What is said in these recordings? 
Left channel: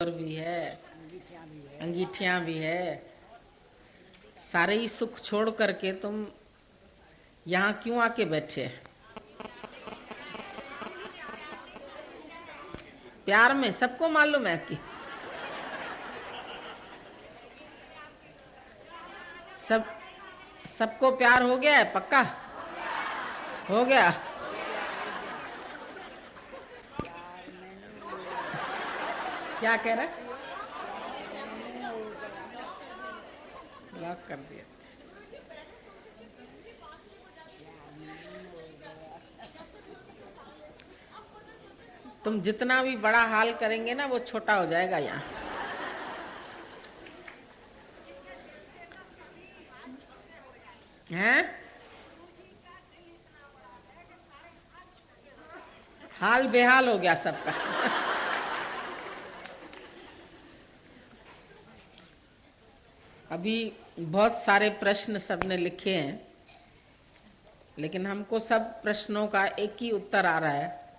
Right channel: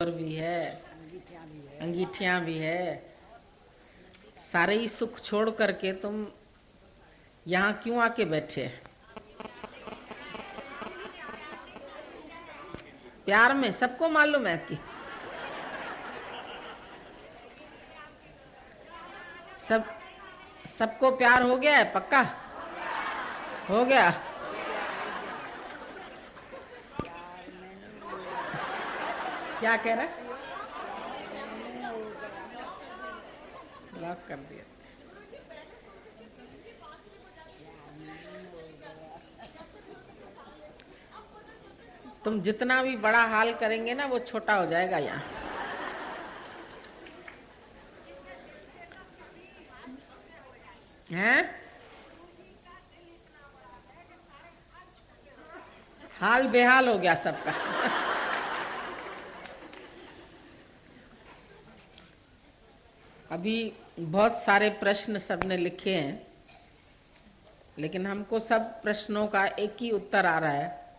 और भी है, अंगीठियां भी है। सारे ही सुख छोड़ करके तुम यहाँ क्यों आके बैठे? प्यार में सबको मालूम है कि सबको प्यार हो गया है, पक्का हो गया। क्या कह रहा है? लॉक कर दिया। तुम जितना भी बड़ा हाल करेंगे ना वो छोटा हो जाएगा। यहाँ हैं हाल बेहाल हो गया सबका। अभी बहुत सारे प्रश्न सबने लिखे हैं, लेकिन हमको सब प्रश्नों का एक ही उत्तर आ रहा है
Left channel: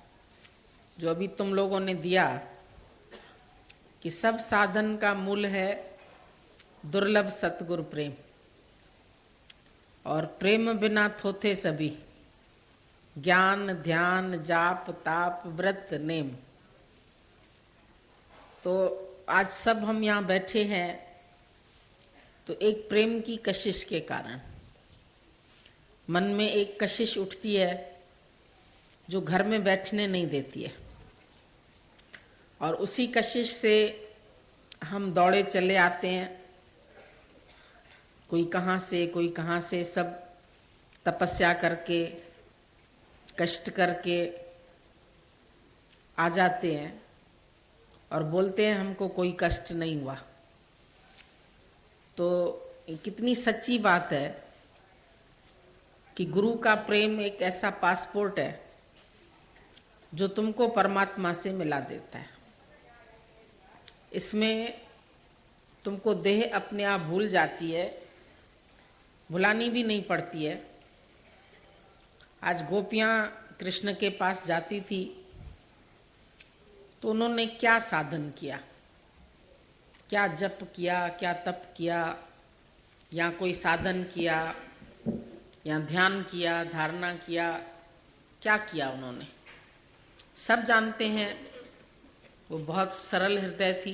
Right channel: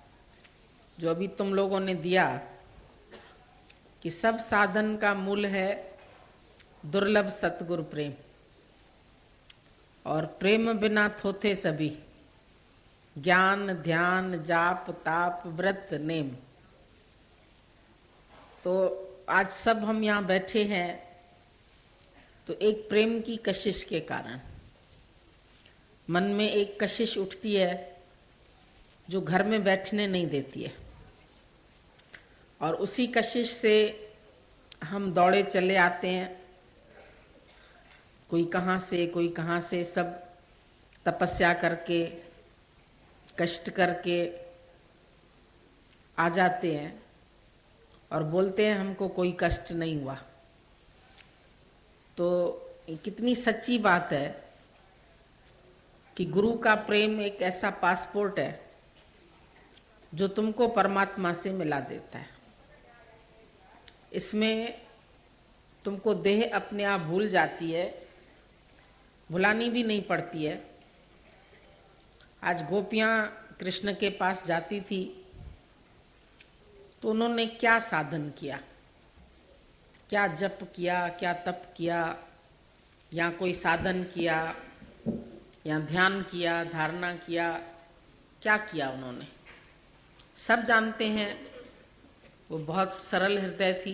जो अभी तुम लोगों ने दिया कि सब साधन का मूल है दुर्लभ सतगुरु प्रेम, और प्रेम बिना थोथे सभी, ज्ञान ध्यान जाप ताप व्रत नेम। तो आज सब हम यहाँ बैठे हैं तो एक प्रेम की कशिश के कारण मन में एक कशिश उठती है जो घर में बैठने नहीं देती है, और उसी कशिश से हम दौड़े चले आते हैं। कोई कहाँ से सब तपस्या करके कष्ट करके आ जाते हैं और बोलते हैं हमको कोई कष्ट नहीं हुआ। तो कितनी सच्ची बात है कि गुरु का प्रेम एक ऐसा पासपोर्ट है जो तुमको परमात्मा से मिला देता है। इसमें तुमको देह अपने आप भूल जाती है, भुलानी भी नहीं पड़ती है। आज गोपियां कृष्ण के पास जाती थी तो उन्होंने क्या साधन किया, क्या जप किया, क्या तप किया, या कोई साधन किया, या ध्यान किया, धारणा किया, क्या किया उन्होंने? सब जानते हैं वो बहुत सरल हृदय थी,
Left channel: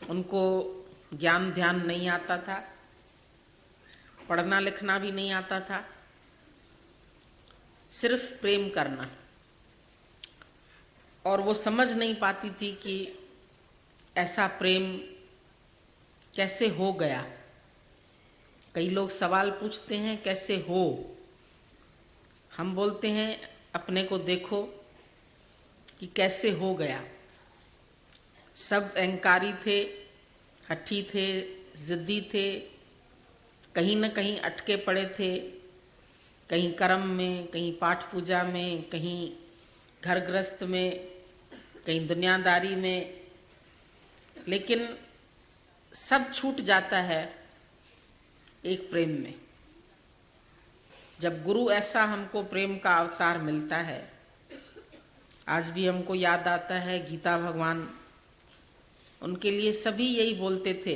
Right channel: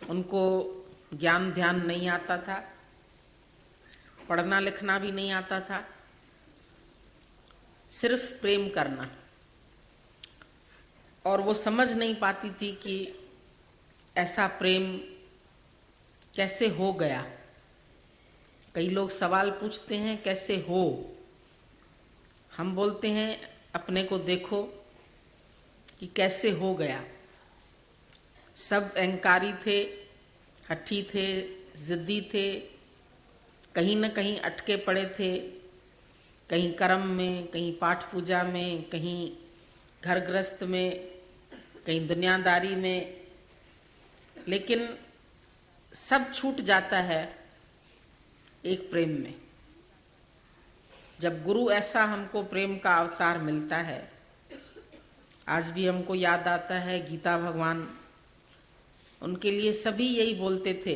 उनको ज्ञान ध्यान नहीं आता था, पढ़ना लिखना भी नहीं आता था, सिर्फ प्रेम करना। और वो समझ नहीं पाती थी कि ऐसा प्रेम कैसे हो गया। कई लोग सवाल पूछते हैं कैसे हो, हम बोलते हैं अपने को देखो कि कैसे हो गया। सब अहंकारी थे, हठी थे, जिद्दी थे, कहीं न कहीं अटके पड़े थे, कहीं कर्म में, कहीं पाठ पूजा में, कहीं घर गृहस्थ में, कहीं दुनियादारी में, लेकिन सब छूट जाता है एक प्रेम में। जब गुरु ऐसा हमको प्रेम का अवतार मिलता है, आज भी हमको याद आता है गीता भगवान, उनके लिए सभी यही बोलते थे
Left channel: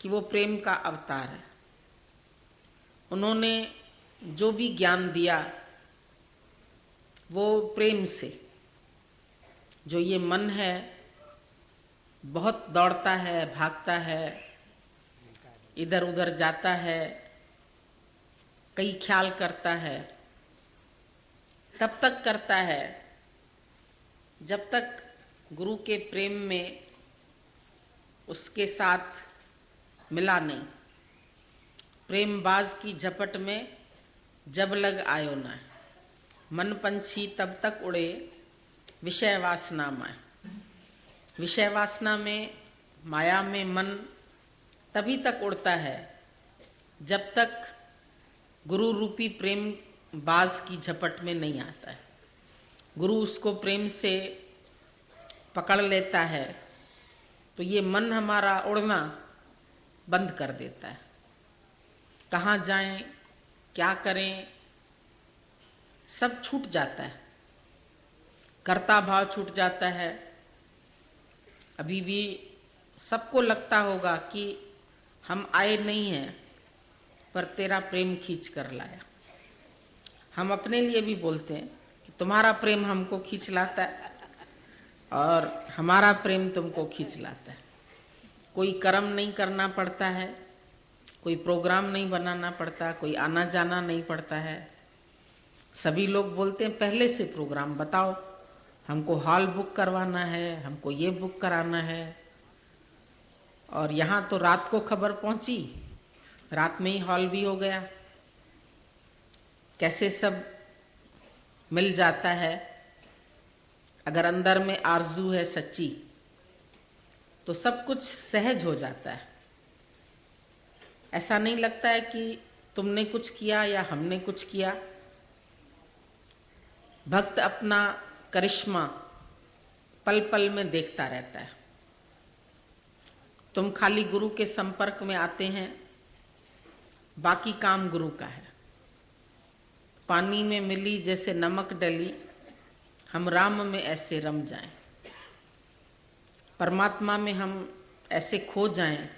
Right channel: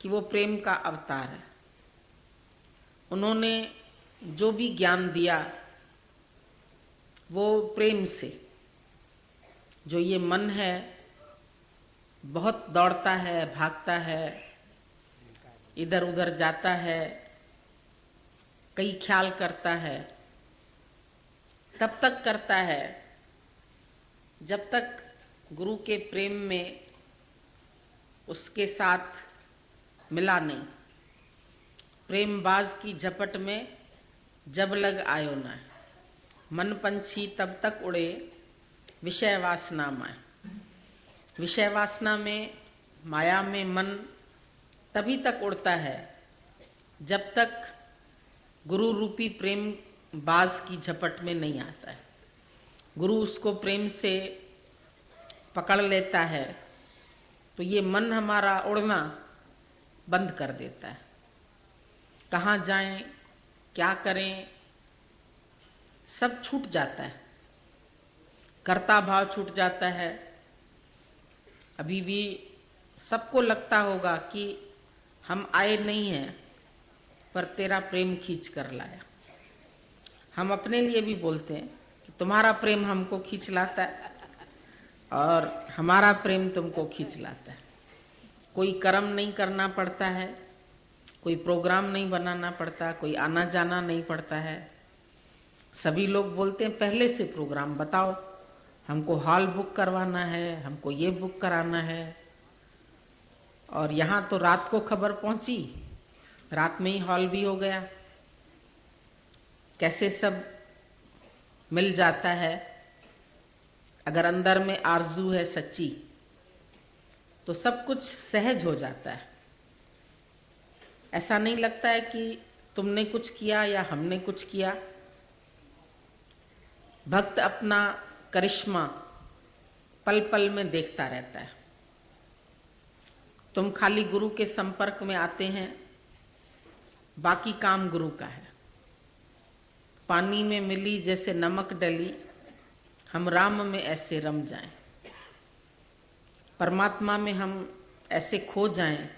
कि वो प्रेम का अवतार है। उन्होंने जो भी ज्ञान दिया वो प्रेम से। जो ये मन है बहुत दौड़ता है, भागता है, इधर उधर जाता है, कई ख्याल करता है, तब तक करता है जब तक गुरु के प्रेम में उसके साथ मिला नहीं। प्रेम बाज की झपट में जब लग आयो ना, मन पंछी तब तक उड़े विषय वासना में। विषय वासना में, माया में मन तभी तक उड़ता है जब तक गुरु रूपी प्रेम बाज की झपट में नहीं आता है। गुरु उसको प्रेम से पकड़ लेता है तो ये मन हमारा उड़ना बंद कर देता है। कहाँ जाएं, क्या करें, सब छूट जाता है। कर्ता भाव छूट जाता है, अभी भी सबको लगता होगा कि हम आए नहीं हैं, पर तेरा प्रेम खींच कर लाया। हम अपने लिए भी बोलते हैं कि तुम्हारा प्रेम हमको खींच लाता है और हमारा प्रेम तुमको खींच लाता है। कोई कर्म नहीं करना पड़ता है, कोई प्रोग्राम नहीं बनाना पड़ता, कोई आना जाना नहीं पड़ता है। सभी लोग बोलते हैं पहले से प्रोग्राम बताओ, हमको हॉल बुक करवाना है, हमको ये बुक कराना है। और यहाँ तो रात को खबर पहुंची, रात में ही हॉल भी हो गया। कैसे सब मिल जाता है। अगर अंदर में आरजू है सच्ची तो सब कुछ सहज हो जाता है। ऐसा नहीं लगता है कि तुमने कुछ किया या हमने कुछ किया। भक्त अपना करिश्मा पल पल में देखता रहता है। तुम खाली गुरु के संपर्क में आते हैं, बाकी काम गुरु का है। पानी में मिली जैसे नमक डली, हम राम में ऐसे रम जाएं। परमात्मा में हम ऐसे खो जाएं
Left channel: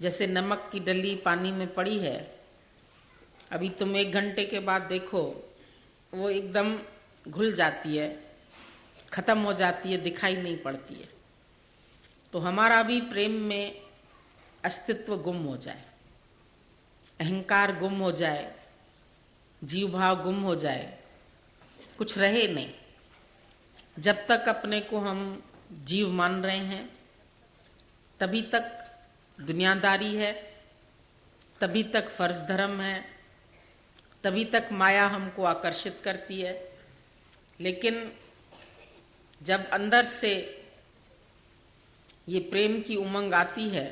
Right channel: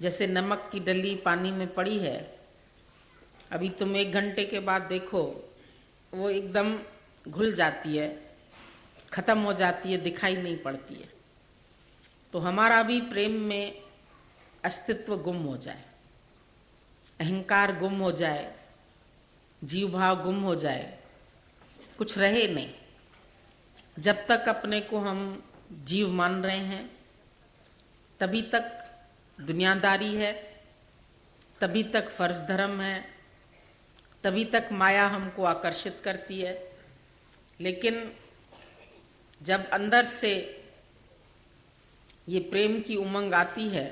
जैसे नमक की डली पानी में पड़ी है। अभी तुम 1 घंटे के बाद देखो वो एकदम घुल जाती है, खत्म हो जाती है, दिखाई नहीं पड़ती है। तो हमारा भी प्रेम में अस्तित्व गुम हो जाए, अहंकार गुम हो जाए, जीव भाव गुम हो जाए, कुछ रहे नहीं। जब तक अपने को हम जीव मान रहे हैं तभी तक दुनियादारी है, तभी तक फर्ज धर्म है, तभी तक माया हमको आकर्षित करती है। लेकिन जब अंदर से ये प्रेम की उमंग आती है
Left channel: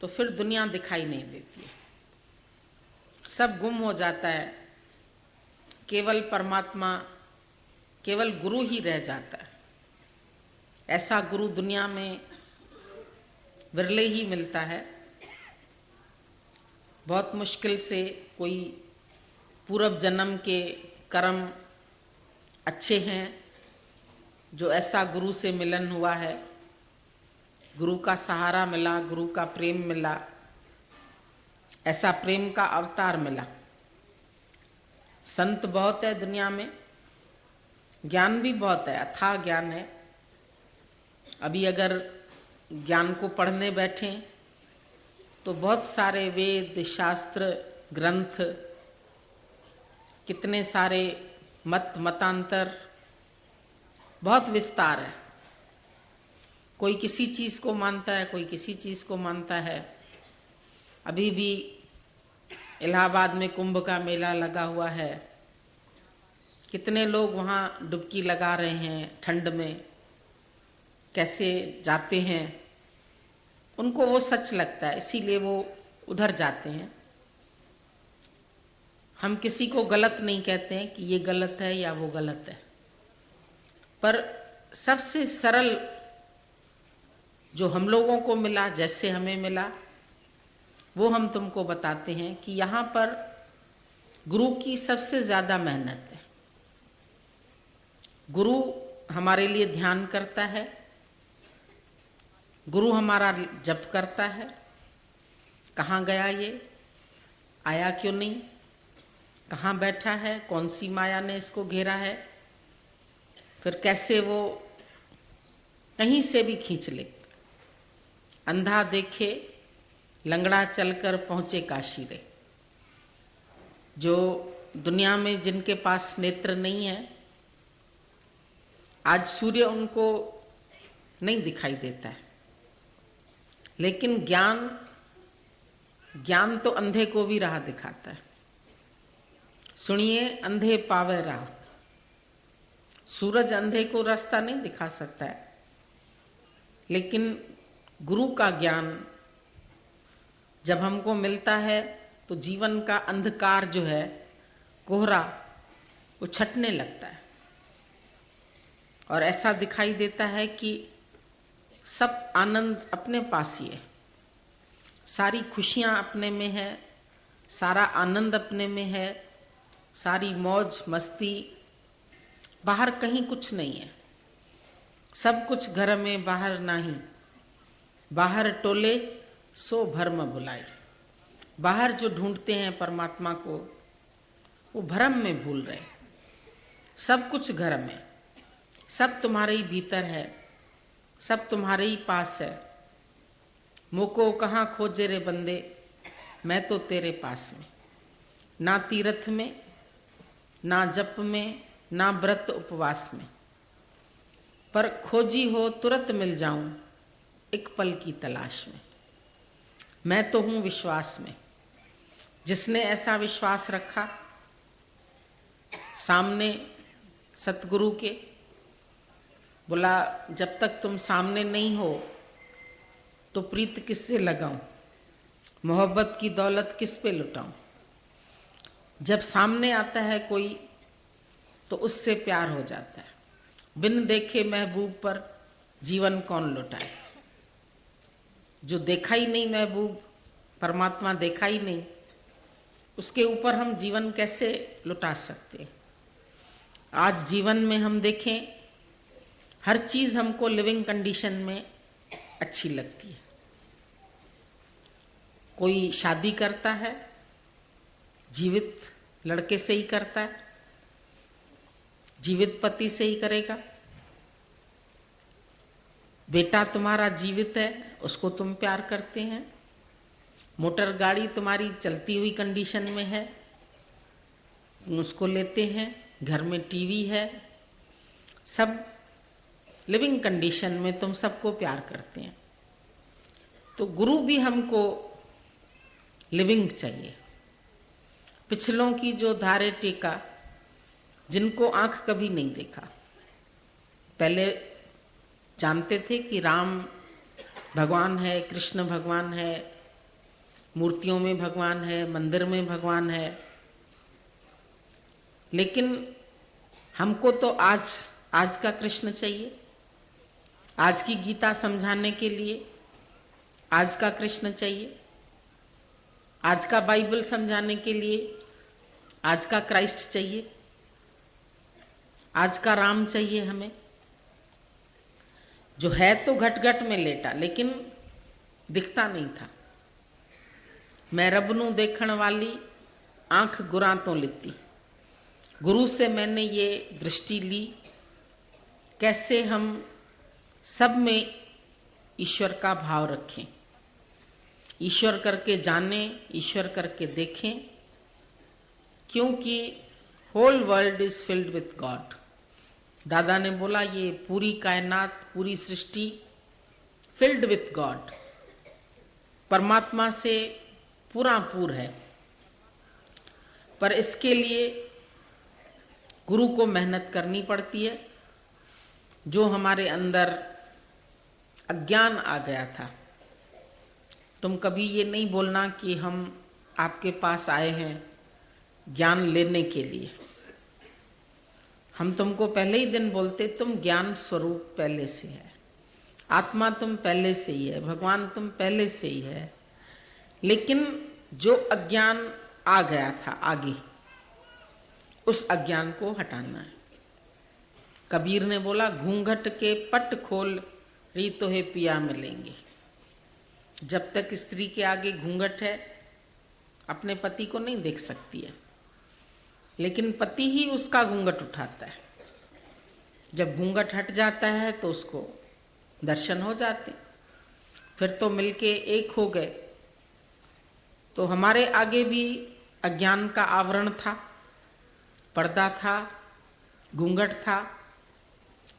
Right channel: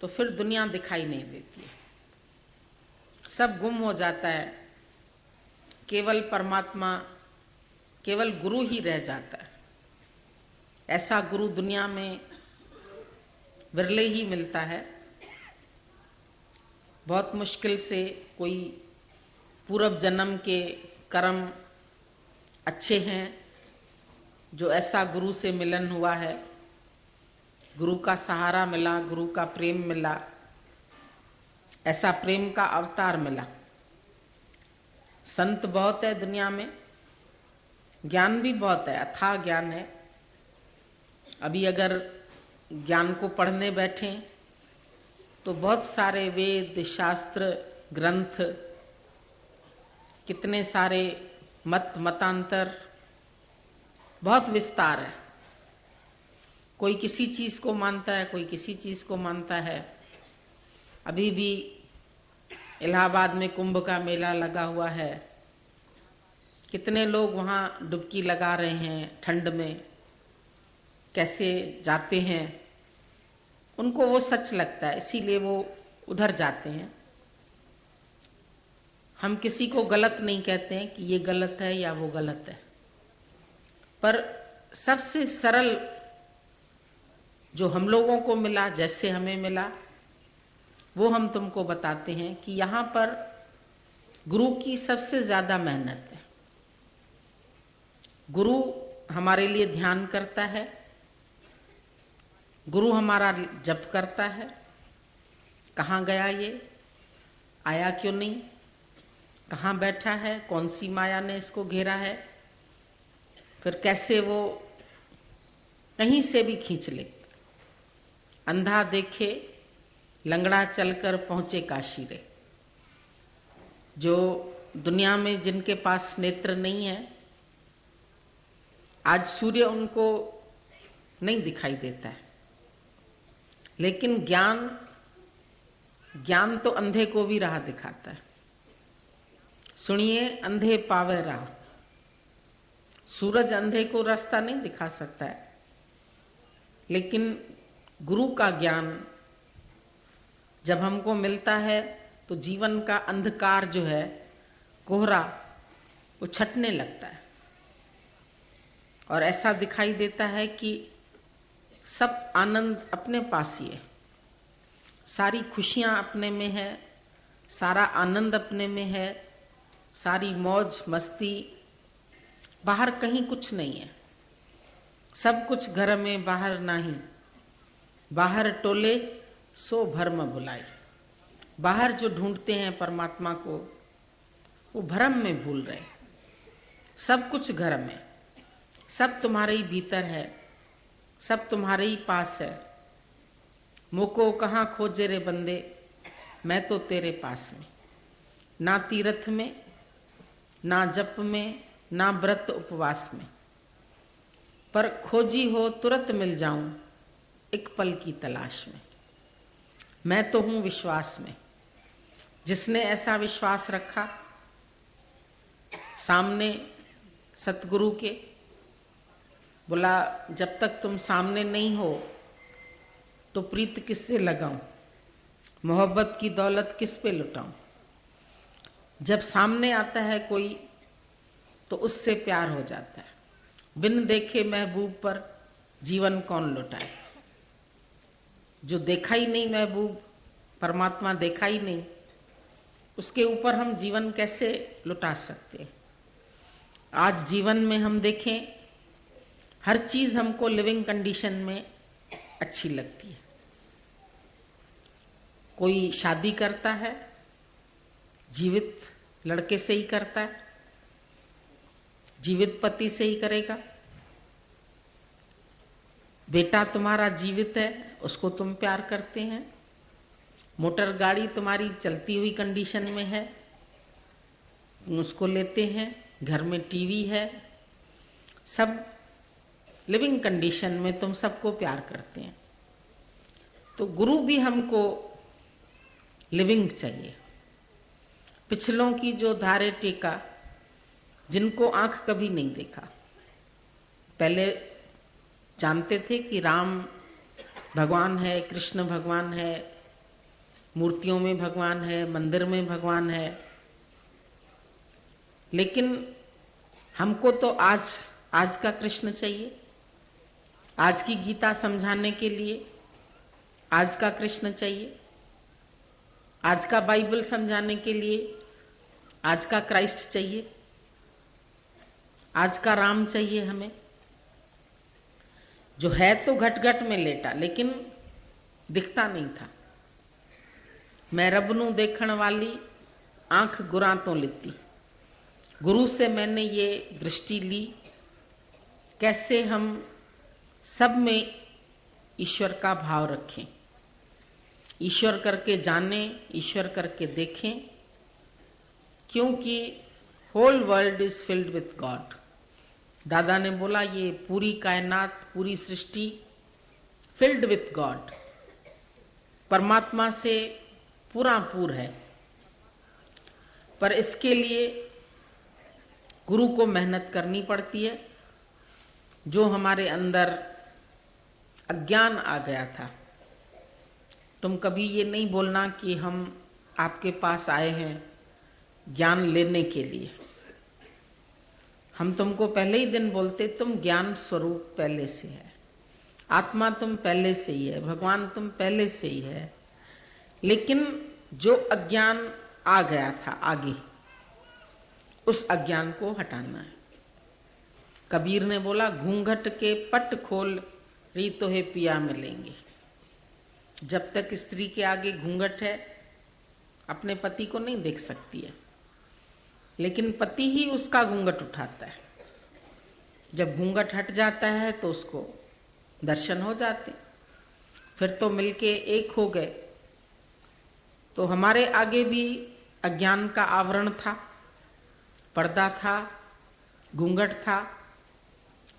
तो फिर दुनिया दिखाई नहीं देती है, सब गुम हो जाता है। केवल परमात्मा, केवल गुरु ही रह जाता है। ऐसा गुरु दुनिया में विरले ही मिलता है। बहुत मुश्किल से कोई पूर्व जन्म के कर्म अच्छे हैं जो ऐसा गुरु से मिलन हुआ है, गुरु का सहारा मिला, गुरु का प्रेम मिला, ऐसा प्रेम का अवतार मिला। संत बहुत है दुनिया में, ज्ञान भी बहुत है, अथाह ज्ञान है। अभी अगर ज्ञान को पढ़ने बैठें तो बहुत सारे वेद शास्त्र ग्रंथ, कितने सारे मत मतांतर, बहुत विस्तार है। कोई किसी चीज को मानता है, कोई किसी चीज को मानता है। अभी भी इलाहाबाद में कुंभ का मेला लगा हुआ है, कितने लोग वहां डुबकी लगा रहे हैं ठंड में, कैसे जाते हैं। उनको वो सच लगता है, इसीलिए वो उधर जाते हैं। हम किसी को गलत नहीं कहते हैं कि ये गलत है या वो गलत है, पर सबसे सरल जो हम लोगों को मिला, जैसे हमें मिला, वो हम तुमको बताते हैं कि यहाँ पर गुरु की सबसे ज्यादा मेहनत है। गुरु हमारे लिए ध्यान करता है, गुरु हमारा जप करता है। कहाँ गया ये, आया क्यों नहीं, कहाँ बैठा है, कौन सी माया ने इसको घेरा है, फिर कैसे वो कहीं से भी खींच ले। अंधा देखे लंगड़ा चलकर पहुंचे काशी रे। जो दुनिया में जिनके पास नेत्र नहीं है, आज सूर्य उनको नहीं दिखाई देता है, लेकिन ज्ञान तो अंधे को भी राह दिखाता है। सुनिए अंधे पावे राह। सूरज अंधे को रास्ता नहीं दिखा सकता है, लेकिन गुरु का ज्ञान जब हमको मिलता है तो जीवन का अंधकार जो है, कोहरा, वो छटने लगता है और ऐसा दिखाई देता है कि सब आनंद अपने पास ही है, सारी खुशियां अपने में है, सारा आनंद अपने में है, सारी मौज मस्ती, बाहर कहीं कुछ नहीं है, सब कुछ घर में बाहर नाही, बाहर टोले सो भरम भुलाए। बाहर जो ढूंढते हैं परमात्मा को, वो भरम में भूल रहे। सब कुछ घर में, सब तुम्हारे ही भीतर है, सब तुम्हारे ही पास है। मुझको कहाँ खोजे रे बंदे, मैं तो तेरे पास में। ना तीर्थ में, ना जप में, ना व्रत उपवास में, पर खोजी हो तुरंत मिल जाऊं एक पल की तलाश में। मैं तो हूं विश्वास में। जिसने ऐसा विश्वास रखा सामने सतगुरु के, बोला जब तक तुम सामने नहीं हो तो प्रीत किससे लगाऊं, मोहब्बत की दौलत किस पे लुटाऊं। जब सामने आता है कोई तो उससे प्यार हो जाता है। बिन देखे महबूब पर जीवन कौन लुटाए। जो देखा ही नहीं महबूब, परमात्मा देखा ही नहीं, उसके ऊपर हम जीवन कैसे लुटा सकते हैं। आज जीवन में हम देखें, हर चीज हमको लिविंग कंडीशन में अच्छी लगती है। कोई शादी करता है, जीवित लड़के से ही करता है, जीवित पति से ही करेगा। बेटा तुम्हारा जीवित है, उसको तुम प्यार करते हैं। मोटर गाड़ी तुम्हारी चलती हुई कंडीशन में है, तुम उसको लेते हैं। घर में टीवी है, सब लिविंग कंडीशन में तुम सबको प्यार करते हैं। तो गुरु भी हमको लिविंग चाहिए। पिछलों की जो धारे टेका, जिनको आंख कभी नहीं देखा। पहले जानते थे कि राम भगवान है, कृष्ण भगवान है, मूर्तियों में भगवान है, मंदिर में भगवान है। लेकिन हमको तो आज का कृष्ण चाहिए। आज की गीता समझाने के लिए आज का कृष्ण चाहिए। आज का बाइबल समझाने के लिए आज का क्राइस्ट चाहिए। आज का राम चाहिए हमें, जो है तो घट घट में लेटा लेकिन दिखता नहीं था। मैं रब नू देखण वाली आंख गुरां तो लिती। गुरु से मैंने ये दृष्टि ली, कैसे हम सब में ईश्वर का भाव रखें, ईश्वर करके जानें, ईश्वर करके देखें, क्योंकि whole world is filled with God. दादा ने बोला ये पूरी कायनात, पूरी सृष्टि फिल्ड विथ गॉड, परमात्मा से पूरा पूर है। पर इसके लिए गुरु को मेहनत करनी पड़ती है। जो हमारे अंदर अज्ञान आ गया था, तुम कभी ये नहीं बोलना कि हम आपके पास आए हैं ज्ञान लेने के लिए। हम तुमको पहले ही दिन बोलते, तुम ज्ञान स्वरूप पहले से है, आत्मा तुम पहले से ही है, भगवान तुम पहले से ही है। लेकिन जो अज्ञान आ गया था आगे, उस अज्ञान को हटाना है। कबीर ने बोला घूंघट के पट खोल री तो है पिया मिलेंगे। जब तक स्त्री के आगे घूंघट है, अपने पति को नहीं देख सकती है, लेकिन पति ही उसका घूंघट उठाता है। जब घूंघट हट जाता है तो उसको दर्शन हो जाते, फिर तो मिलके एक हो गए। तो हमारे आगे भी अज्ञान का आवरण था, पर्दा था, घूंघट था।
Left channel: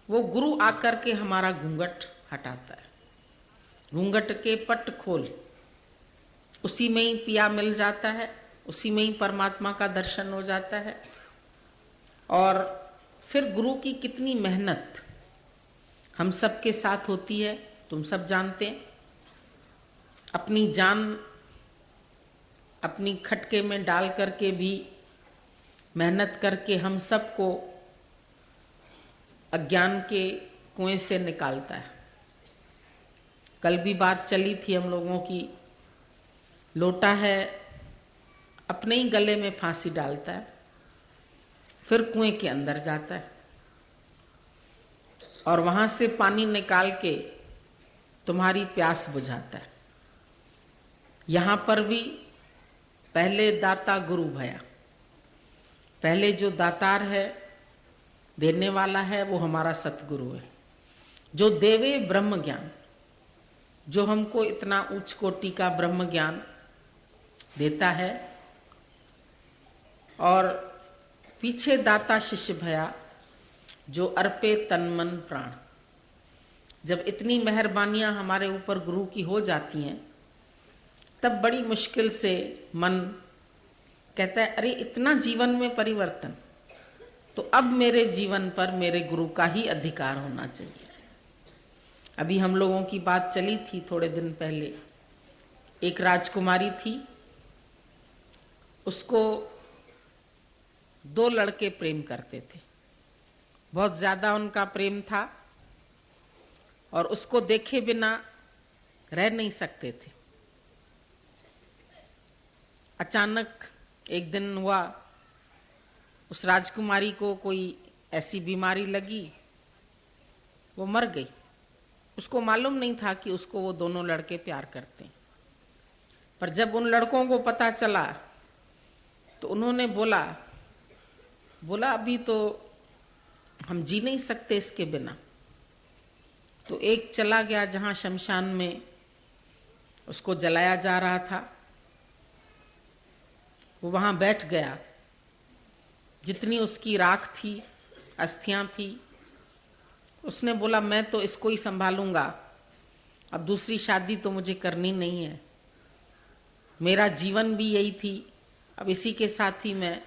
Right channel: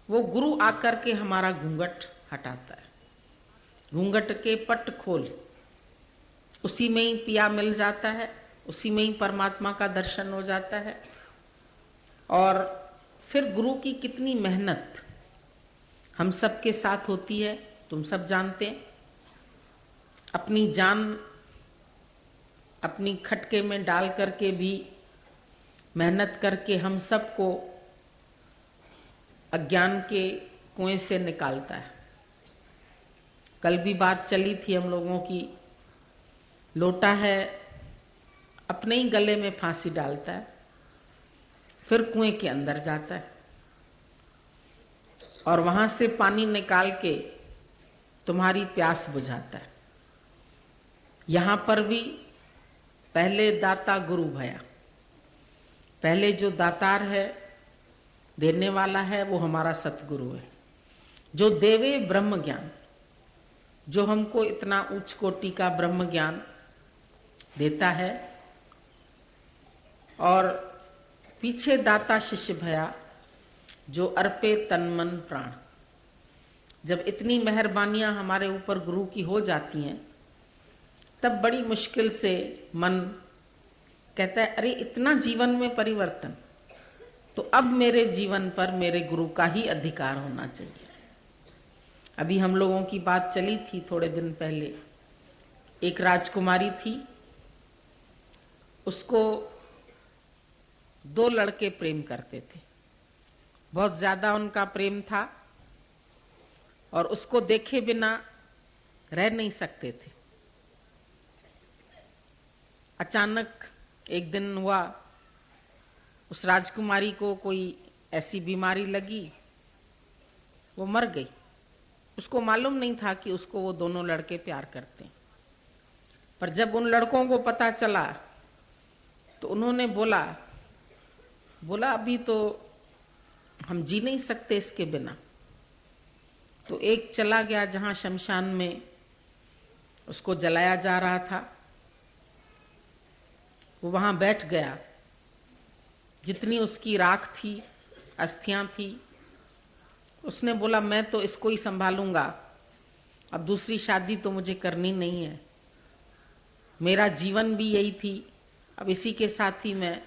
वो गुरु आकर के हमारा घूंघट हटाता है। घूंघट के पट खोल, उसी में ही पिया मिल जाता है, उसी में ही परमात्मा का दर्शन हो जाता है। और फिर गुरु की कितनी मेहनत हम सबके साथ होती है, तुम सब जानते हैं। अपनी जान अपनी खटके में डाल करके भी मेहनत करके हम सबको अज्ञान के कुएं से निकालता है। कल भी बात चली थी हम लोगों की, लोटा है अपने ही गले में फांसी डालता है, फिर कुएं के अंदर जाता है। और वहां से पानी निकाल के तुम्हारी प्यास बुझाता है। यहां पर भी पहले दाता गुरु भया। पहले जो दातार है, देने वाला है, वो हमारा सतगुरु है, जो देवे ब्रह्म ज्ञान, जो हमको इतना उच्च कोटि का ब्रह्म ज्ञान देता है। और पीछे दाता शिष्य भया, जो अर्पे तन मन प्राण। जब इतनी मेहरबानियां हमारे ऊपर गुरु की हो जाती हैं, तब बड़ी मुश्किल से मन कहता है, अरे इतना जीवन में परिवर्तन, तो अब मेरे जीवन पर मेरे गुरु का ही अधिकार होना चाहिए। अभी हम लोगों की बात चली थी थोड़े दिन पहले, एक राजकुमारी थी, उसको 2 लड़के प्रेम करते थे, बहुत ज्यादा उनका प्रेम था और उसको देखे बिना रह नहीं सकते थे। अचानक एक दिन हुआ, उस राजकुमारी को कोई ऐसी बीमारी लगी, वो मर गई। उसको मालूम नहीं था कि उसको वो दोनों लड़के प्यार करते हैं। पर जब उन लड़कों को पता चला तो उन्होंने बोला अभी तो हम जी नहीं सकते इसके बिना। तो एक चला गया जहां शमशान में उसको जलाया जा रहा था, वो वहां बैठ गया। जितनी उसकी राख थी, अस्थियां थी, उसने बोला मैं तो इसको ही संभालूंगा, अब दूसरी शादी तो मुझे करनी नहीं है, मेरा जीवन भी यही थी, अब इसी के साथ ही मैं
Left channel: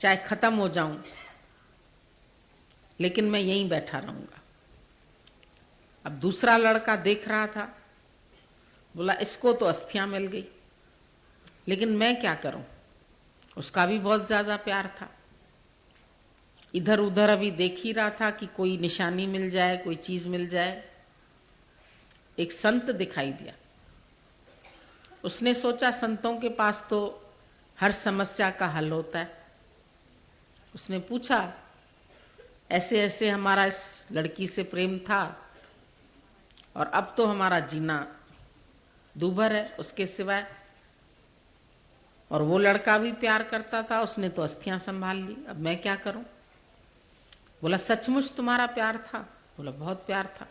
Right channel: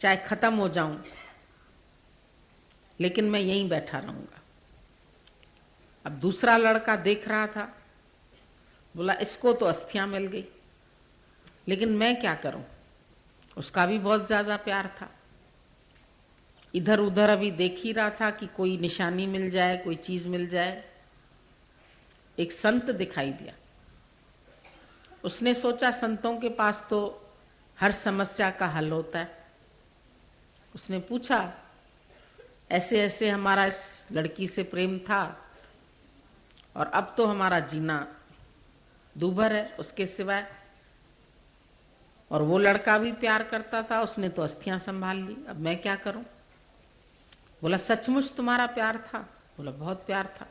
चाहे खत्म हो जाऊं, लेकिन मैं यहीं बैठा रहूंगा। अब दूसरा लड़का देख रहा था, बोला इसको तो अस्थियां मिल गई, लेकिन मैं क्या करूं, उसका भी बहुत ज्यादा प्यार था। इधर उधर अभी देख ही रहा था कि कोई निशानी मिल जाए, कोई चीज मिल जाए। एक संत दिखाई दिया, उसने सोचा संतों के पास तो हर समस्या का हल होता है। उसने पूछा, ऐसे ऐसे हमारा इस लड़की से प्रेम था और अब तो हमारा जीना दूभर है उसके सिवाय, और वो लड़का भी प्यार करता था, उसने तो अस्थियां संभाल ली, अब मैं क्या करूं। बोला सचमुच तुम्हारा प्यार था? बोला बहुत प्यार था।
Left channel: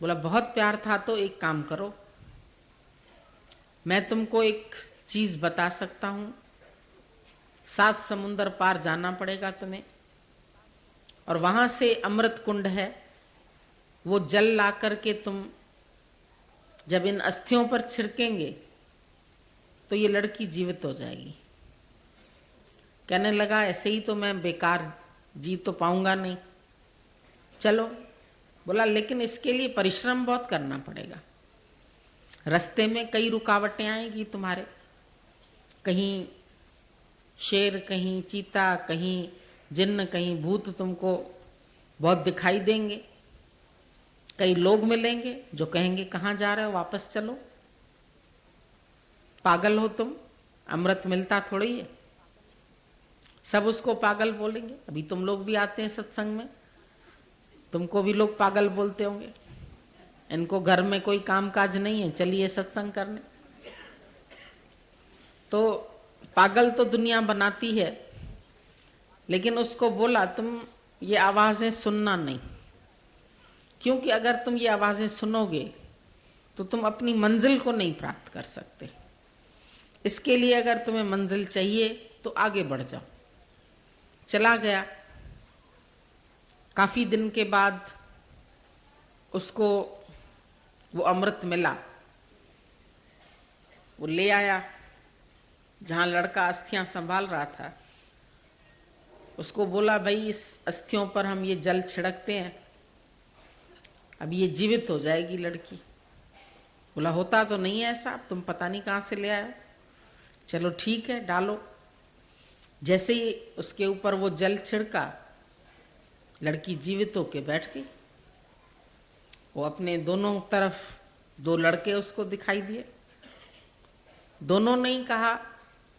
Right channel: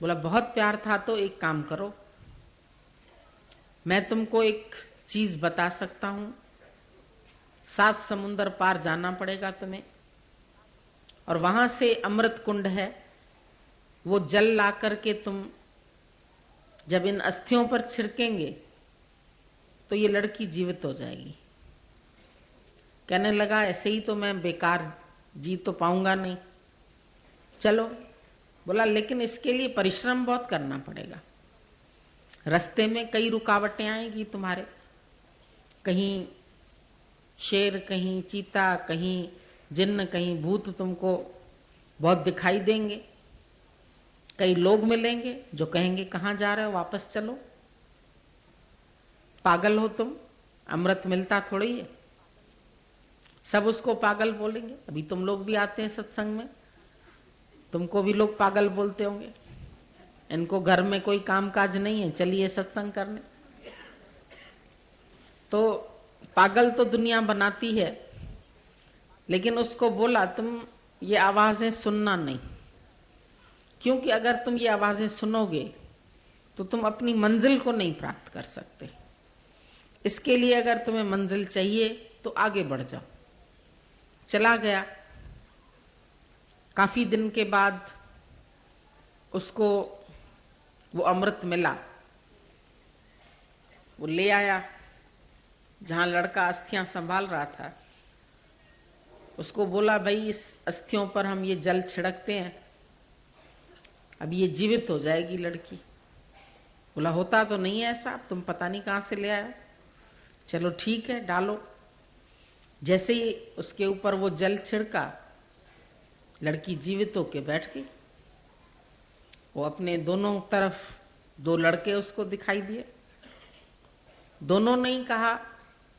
बोला बहुत प्यार था तो एक काम करो, मैं तुमको एक चीज बता सकता हूं, 7 समुंदर पार जाना पड़ेगा तुम्हें, और वहां से अमृत कुंड है, वो जल ला करके तुम जब इन अस्थियों पर छिड़केंगे तो ये लड़की जीवित हो जाएगी। कहने लगा ऐसे ही तो मैं बेकार जी तो पाऊंगा नहीं, चलो। बोला लेकिन इसके लिए परिश्रम बहुत करना पड़ेगा, रास्ते में कई रुकावटें आएगी तुम्हारे, कहीं शेर, कहीं चीता, कहीं जिन्न, कहीं भूत तुमको बहुत दिखाई देंगे, कई लोग मिलेंगे जो कहेंगे कहाँ जा रहे हो, वापस चलो, पागल हो तुम, अमृत मिलता थोड़ी है। सब उसको पागल बोलेंगे। अभी तुम लोग भी आते हैं सत्संग में, तुमको भी लोग पागल बोलते होंगे, इनको घर में कोई काम काज नहीं है, चलिए सत्संग करने। तो पागल तो दुनिया बनाती है, लेकिन उसको बोला तुम ये आवाजें सुनना नहीं, क्योंकि अगर तुम ये आवाजें सुनोगे तो तुम अपनी मंजिल को नहीं प्राप्त कर सकते। इसके लिए अगर तुम्हें मंजिल चाहिए तो आगे बढ़ जाओ। चला गया। काफी दिन के बाद उसको वो अमृत मिला, वो ले आया जहां लड़का अस्थियां संभाल रहा था। उसको बोला भाई इस अस्थियों पर हम ये जल छिड़कते हैं, अब ये जीवित हो जाएगी लड़की। बोला होता तो नहीं है ऐसा, तुम पता नहीं कहां से ले आए। चलो ठीक है डालो। जैसे ही उसके ऊपर वो जल छिड़का, लड़की जीवित होके बैठ गई। वो अपने दोनों तरफ 2 लड़के उसको दिखाई दिए। दोनों ने ही कहा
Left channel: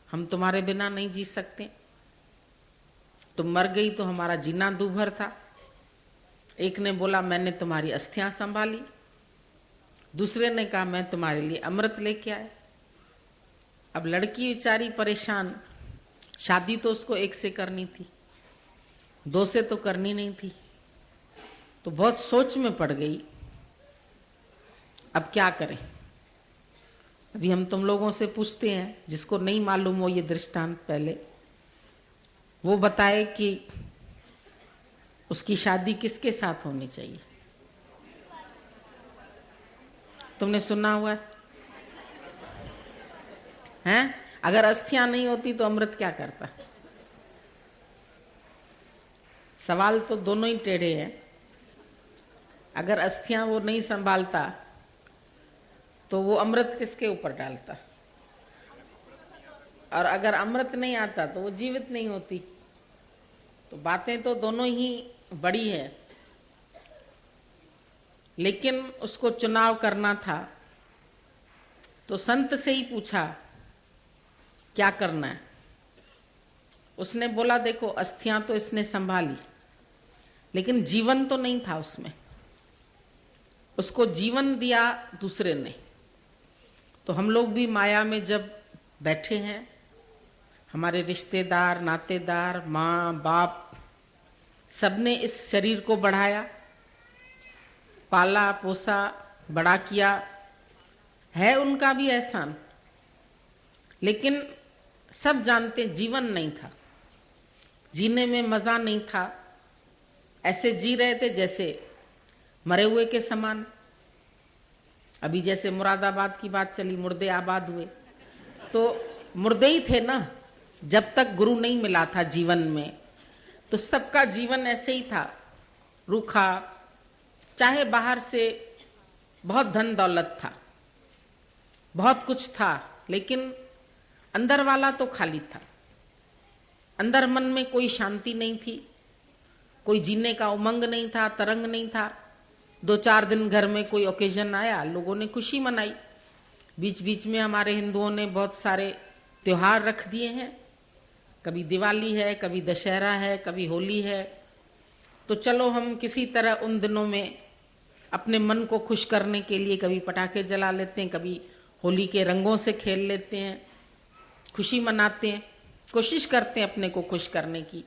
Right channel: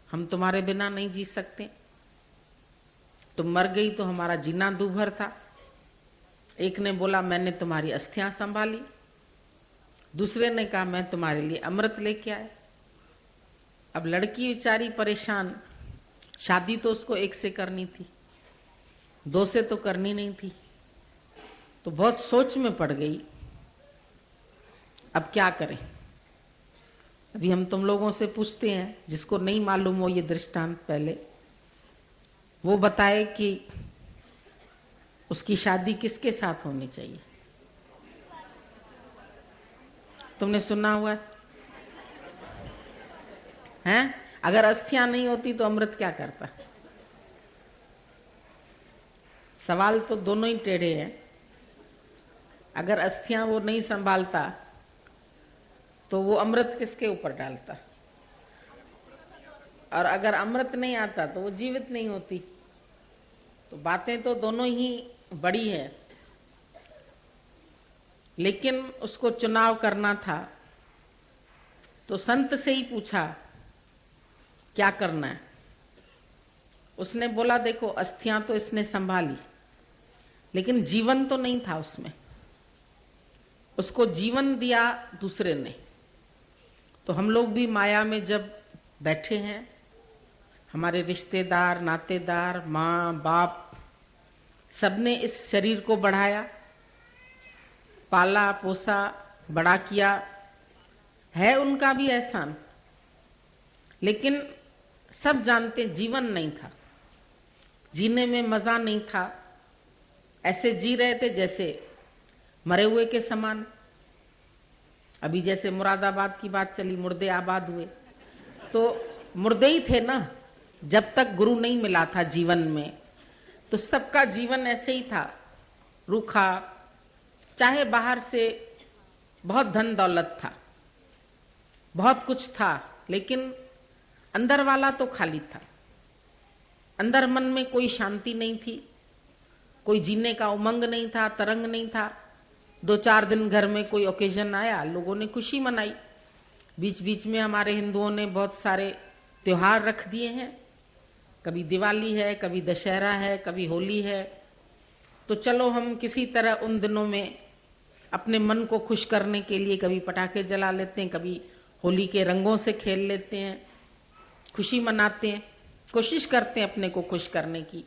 हम तुम्हारे बिना नहीं जी सकते, तुम मर गई तो हमारा जीना दूभर था, एक ने बोला मैंने तुम्हारी अस्थियां संभाली, दूसरे ने कहा मैं तुम्हारे लिए अमृत लेके आया। अब लड़की बेचारी परेशान, शादी तो उसको एक से करनी थी, दो से तो करनी नहीं थी, तो बहुत सोच में पड़ गई। अब क्या करें? अभी हम तुम लोगों से पूछते हैं, जिसको नहीं मालूम हो ये दृष्टांत पहले, वो बताए कि उसकी शादी किसके साथ होनी चाहिए। तुमने सुना हुआ है? अगर अस्थियां नहीं होती तो अमृत क्या करता? सवाल तो दोनों ही टेढ़े हैं। अगर अस्थियां वो नहीं संभालता तो वो अमृत किसके ऊपर डालता? और अगर अमृत नहीं आता तो वो जीवित नहीं होती। तो बातें तो दोनों ही बड़ी है, लेकिन उसको चुनाव करना था तो संत से ही पूछा क्या करना है। उसने बोला देखो अस्थियां तो इसने संभाली, लेकिन जीवन तो नहीं था उसमें, उसको जीवन दिया दूसरे ने। तो हम लोग भी माया में जब बैठे हैं, हमारे रिश्तेदार, नातेदार, माँ बाप सबने इस शरीर को बढ़ाया, पाला पोसा, बड़ा किया, है उनका भी एहसान। लेकिन सब जानते जीवन नहीं था, जीने में मजा नहीं था, ऐसे जी रहे थे जैसे मरे हुए के समान। अभी जैसे मुरादाबाद की बात चली, मुर्दे आबाद हुए, तो मुर्दे ही थे ना जब तक गुरु नहीं मिला था जीवन में। तो सबका जीवन ऐसे ही था, रूखा। चाहे बाहर से बहुत धन दौलत था, बहुत कुछ था, लेकिन अंदर वाला तो खाली था। अंदर मन में कोई शांति नहीं थी, कोई जीने का उमंग नहीं था, तरंग नहीं था। 2-4 दिन घर में कोई ओकेजन आया, लोगों ने खुशी मनाई। बीच बीच में हमारे हिंदुओं ने बहुत सारे त्योहार रख दिए हैं, कभी दिवाली है, कभी दशहरा है, कभी होली है। तो चलो हम किसी तरह उन दिनों में अपने मन को खुश करने के लिए कभी पटाखे जला लेते हैं, कभी होली के रंगों से खेल लेते हैं, खुशी मनाते हैं, कोशिश करते हैं अपने को खुश करने की।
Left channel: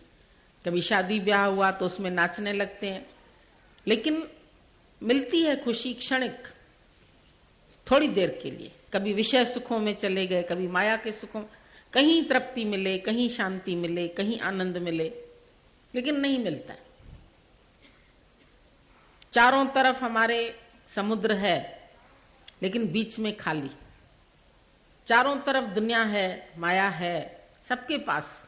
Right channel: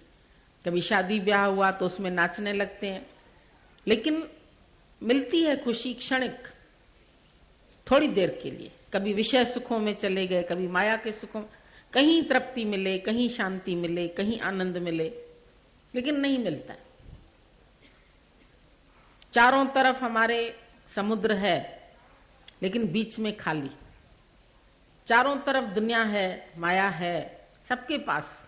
कभी शादी ब्याह हुआ तो उसमें नाचने लगते हैं। लेकिन मिलती है खुशी क्षणिक, थोड़ी देर के लिए। कभी विषय सुखों में चले गए, कभी माया के सुखों, कहीं तृप्ति मिले, कहीं शांति मिले, कहीं आनंद मिले, लेकिन नहीं मिलता। चारों तरफ हमारे समुद्र है, लेकिन बीच में खाली। चारों तरफ दुनिया है, माया है, सबके पास।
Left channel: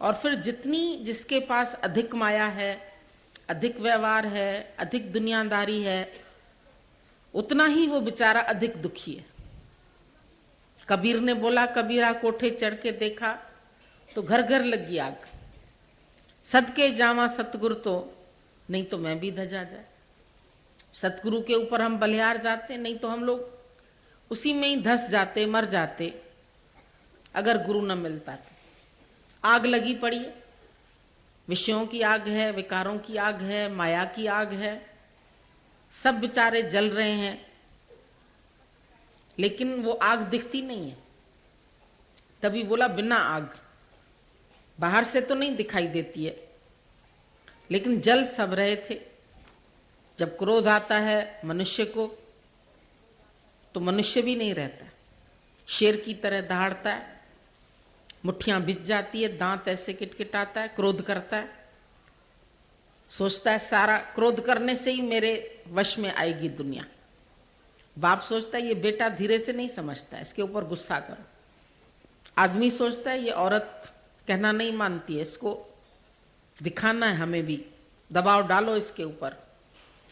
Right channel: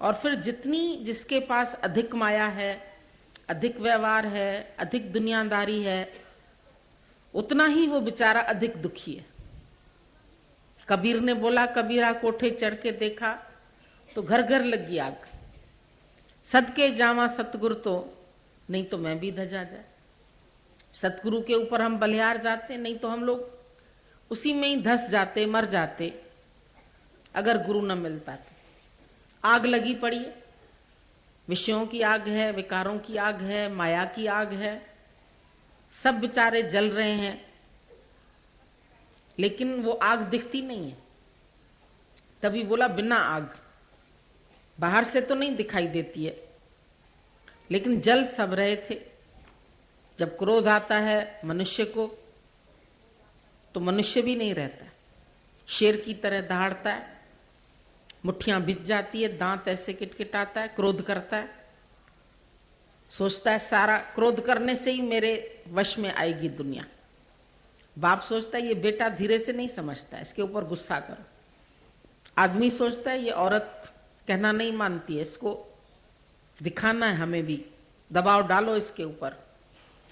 और फिर जितनी जिसके पास अधिक माया है, अधिक व्यवहार है, अधिक दुनियादारी है, उतना ही वो बेचारा अधिक दुखी है। कबीर ने बोला, कबीरा कोठे चढ़ के देखा तो घर घर लगी आग। सदके जावा सतगुरु तो, नहीं तो मैं भी धजा जाए। सतगुरु के ऊपर हम बलिहार जाते, नहीं तो हम लोग उसी में ही धस जाते, मर जाते, अगर गुरु न मिलता तो। आग लगी पड़ी है, विषयों की आग है, विकारों की आग है, माया की आग है, सब बेचारे जल रहे हैं, लेकिन वो आग दिखती नहीं है। तभी बोला बिना आग, बाहर से तो नहीं दिखाई देती है, लेकिन जल सब रहे थे। जब क्रोध आता है मनुष्य को, तो मनुष्य भी नहीं रहता, शेर की तरह दहाड़ता है, मुट्ठियां बिछ जाती है, दांत ऐसे किटकिटाता है, क्रोध करता है, सोचता है सारा क्रोध करने से ही मेरे वश में आएगी दुनिया। बाप सोचता है ये बेटा धीरे से नहीं समझता है, इसके ऊपर गुस्सा करो। आदमी सोचता है ये औरत कहना नहीं मानती है, इसको दिखाना है, हमें भी दबाव डालो इसके ऊपर,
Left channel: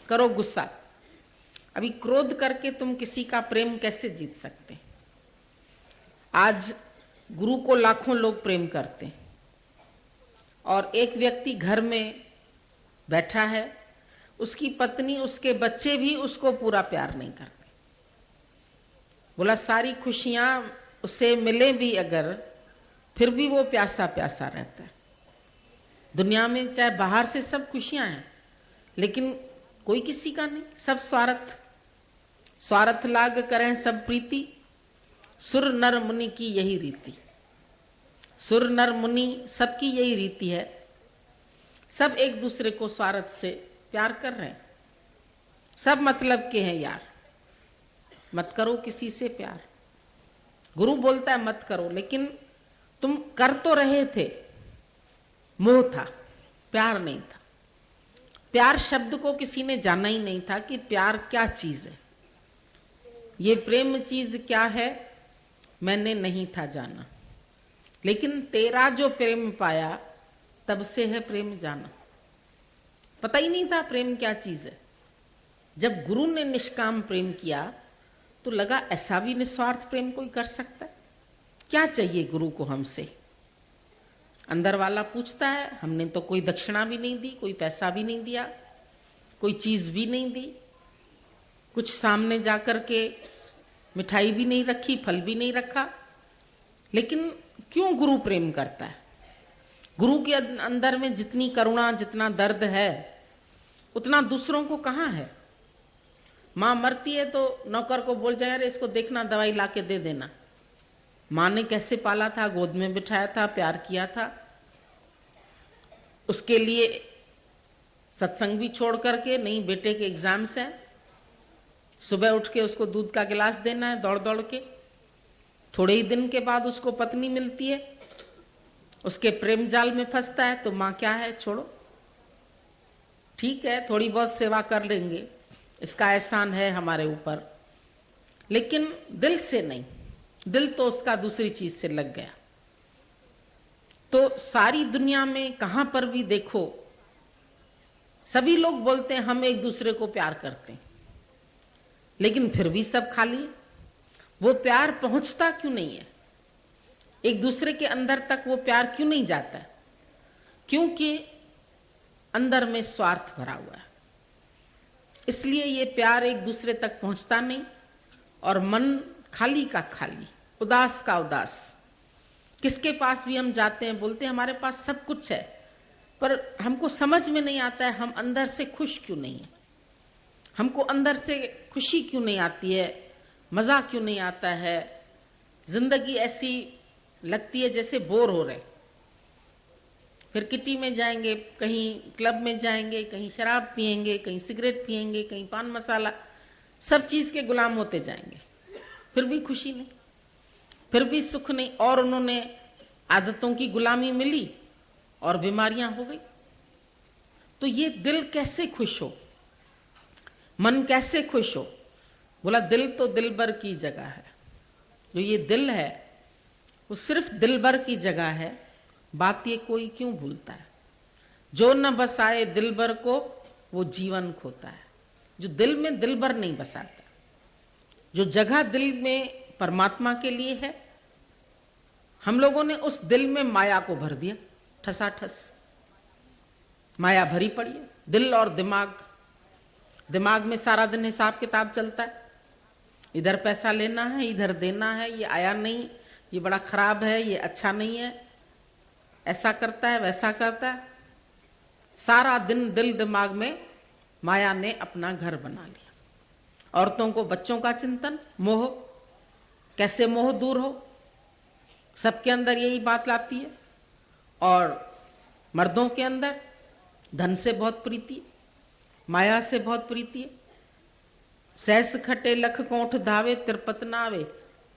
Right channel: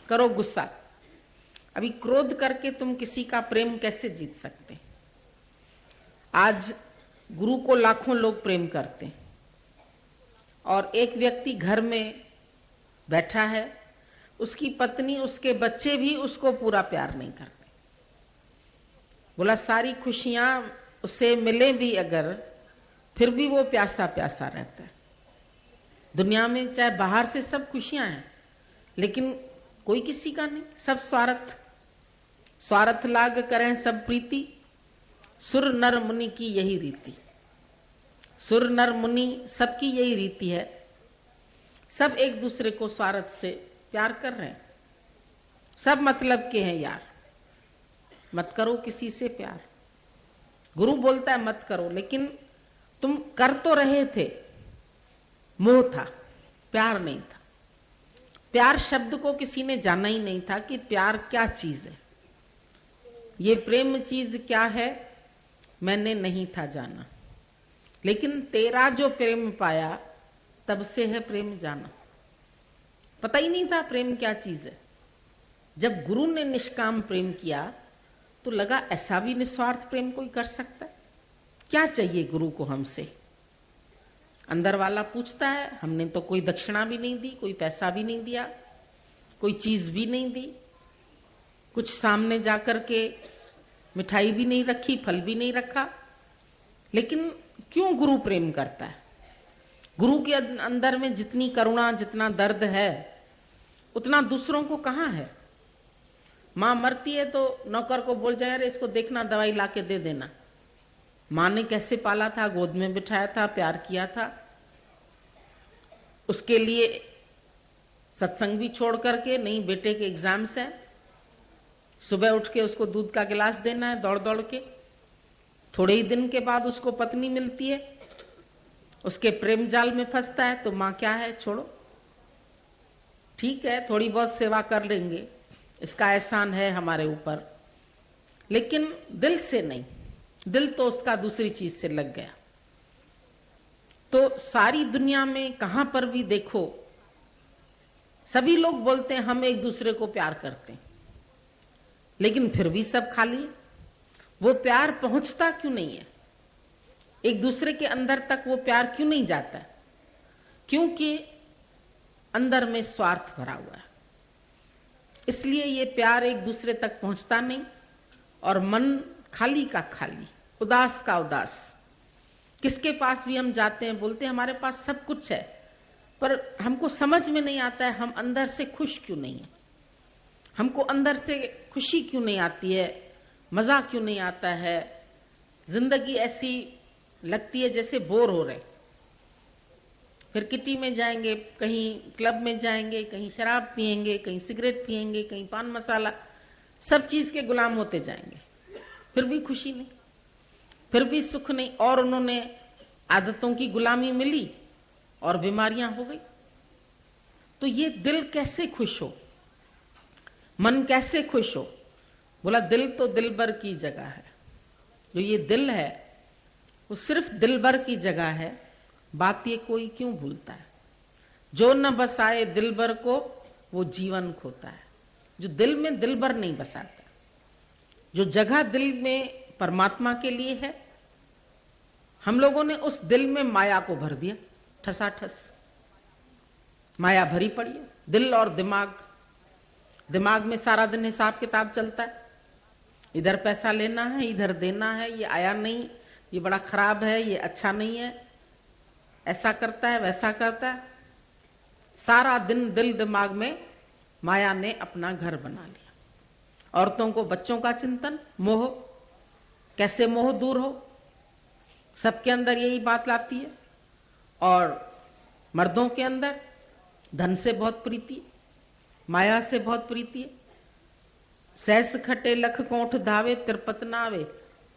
करो गुस्सा। अभी क्रोध करके तुम किसी का प्रेम कैसे जीत सकते? आज गुरु को लाखों लोग प्रेम करते हैं, और एक व्यक्ति घर में बैठा है, उसकी पत्नी, उसके बच्चे भी उसको पूरा प्यार नहीं करते। बोला सारी खुशियां उसे मिले भी अगर, फिर भी वो प्यासा प्यासा रहता है। दुनिया में चाहे बाहर से सब खुशियां हैं, लेकिन कोई किसी का नहीं, सब स्वार्थ। स्वार्थ लाग करें सब प्रीति, सुर नर मुनि की यही रीति। सुर नर मुनि सबकी यही रीति है, सब एक दूसरे को स्वार्थ से प्यार कर रहे हैं, सब मतलब के हैं यार। मत करो किसी से प्यार। गुरु बोलता है मत करो, लेकिन तुम कर तो रहे थे, मोह था, प्यार नहीं था। प्यार शब्द को किसी ने जाना ही नहीं था कि प्यार क्या चीज है, ये प्रेम चीज क्या है, मैंने नहीं था जाना। लेकिन तेरा जो प्रेम पाया तब से है प्रेम जाना। पता ही नहीं था प्रेम क्या चीज है। जब गुरु ने निष्काम प्रेम किया तो लगा ऐसा भी निस्वार्थ प्रेम कोई कर सकता है। क्या चाहिए गुरु को हमसे? अंदर वाला पूछता है। हमने तो कोई दक्षिणा भी नहीं दी, कोई पैसा भी नहीं दिया, कोई चीज भी नहीं दी, कुछ सामने जाकर के मिठाई भी नहीं रखी, फल भी नहीं रखा। लेकिन क्यों गुरु प्रेम करता है? गुरु के अंदर में जितनी करुणा, जितना दर्द है, उतना दूसरों को कहाँ है? माँ मरती है तो नौकर को बोल जाए, अरे इसको देखना, दवाई ला के दे देना। माँ ने कैसे पाला था, गोद में बिठाया था, प्यार किया था, उसके लिए सत्संग भी छोड़ करके, नहीं बेटे के एग्जाम्स हैं, सुबह उठ के उसको दूध का गिलास देना है दौड़ दौड़ के। थोड़े ही दिन के बाद उसको पत्नी मिलती है, उसके प्रेम जाल में फंसता है, तो माँ क्या है, छोड़ो, ठीक है थोड़ी बहुत सेवा कर लेंगे, इसका एहसान है हमारे ऊपर, लेकिन दिल से नहीं। दिल तो उसका दूसरी चीज से लग गया। तो सारी दुनिया में कहां पर भी देखो, सभी लोग बोलते हैं हम एक दूसरे को प्यार करते हैं, लेकिन फिर भी सब खाली। वो प्यार पहुंचता क्यों नहीं है? एक दूसरे के अंदर तक वो प्यार क्यों नहीं जाता है? क्योंकि अंदर में स्वार्थ भरा हुआ है। इसलिए ये प्यार एक दूसरे तक पहुंचता नहीं, और मन खाली का खाली, उदास का उदास। किसके पास भी हम जाते हैं, बोलते हैं हमारे पास सब कुछ है, पर हमको समझ में नहीं आता है हम अंदर से खुश क्यों नहीं है, हमको अंदर से खुशी क्यों नहीं आती है, मजा क्यों नहीं आता है। जिंदगी ऐसी लगती है जैसे बोर हो रहे। फिर किटी में जाएंगे, कहीं क्लब में जाएंगे, कहीं शराब पिएंगे, कहीं सिगरेट पिएंगे, कहीं पान मसाला, सब चीज के गुलाम होते जाएंगे, फिर भी खुशी नहीं, फिर भी सुख नहीं। और उन्होंने आदतों की गुलामी मिली और बीमारियां हो गई। तो ये दिल कैसे खुश हो, मन कैसे खुश हो? बोला दिल तो दिल भर की जगह है। जो ये दिल है वो सिर्फ दिल भर की जगह है, बात ये कोई क्यों भूलता है? जो न बसाए दिल भर को वो जीवन खोता है। जो दिल में दिल भर नहीं बसाता, जो जगह दिल में परमात्मा के लिए है, हम लोगों ने उस दिल में माया को भर दिया, ठसाठस माया भरी पड़ी है। दिल और दिमाग, दिमाग में सारा दिन हिसाब किताब चलता है, इधर पैसा लेना है, इधर देना है, ये आया नहीं, ये बड़ा खराब है, ये अच्छा नहीं है, ऐसा करता है वैसा करता है। सारा दिन दिल दिमाग में माया ने अपना घर बना लिया। औरतों को बच्चों का चिंतन, मोह, कैसे मोह दूर हो, सबके अंदर यही बात लाती है। और मर्दों के अंदर धन से बहुत प्रीति, माया से बहुत प्रीति है। सहस खटे लख कोठ धावे, तिरपत ना आवे,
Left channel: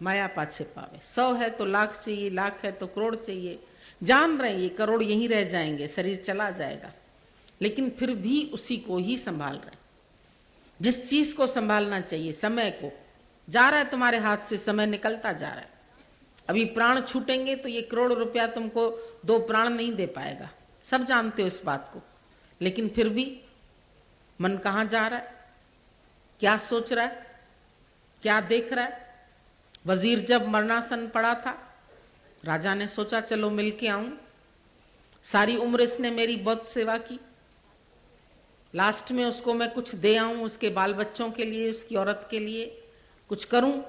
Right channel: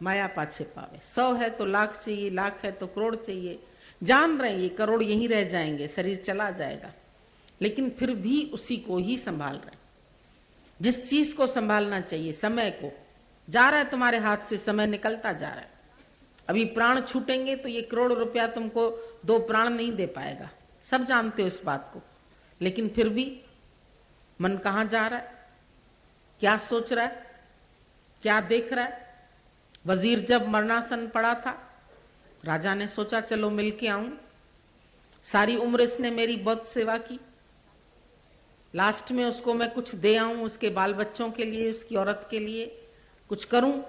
माया पाछे पावे। 100 है तो लाख चाहिए, लाख है तो करोड़ चाहिए। जान रहे ये करोड़ यहीं रह जाएंगे, शरीर चला जाएगा, लेकिन फिर भी उसी को ही संभाल रहे। जिस चीज को संभालना चाहिए, समय को, जा रहा है तुम्हारे हाथ से, समय निकलता जा रहा है। अभी प्राण छूटेंगे तो ये करोड़ रुपया तुमको 2 प्राण नहीं दे पाएगा, सब जानते हो इस बात को। लेकिन फिर भी मन कहाँ जा रहा है, क्या सोच रहा है, क्या देख रहा है? वजीर जब मरणासन पड़ा था, राजा ने सोचा चलो मिलके आऊं। सारी उम्र इसने मेरी बहुत सेवा की, लास्ट में उसको मैं कुछ दे आऊं, उसके बाल बच्चों के लिए, उसकी औरत के लिए कुछ करूं।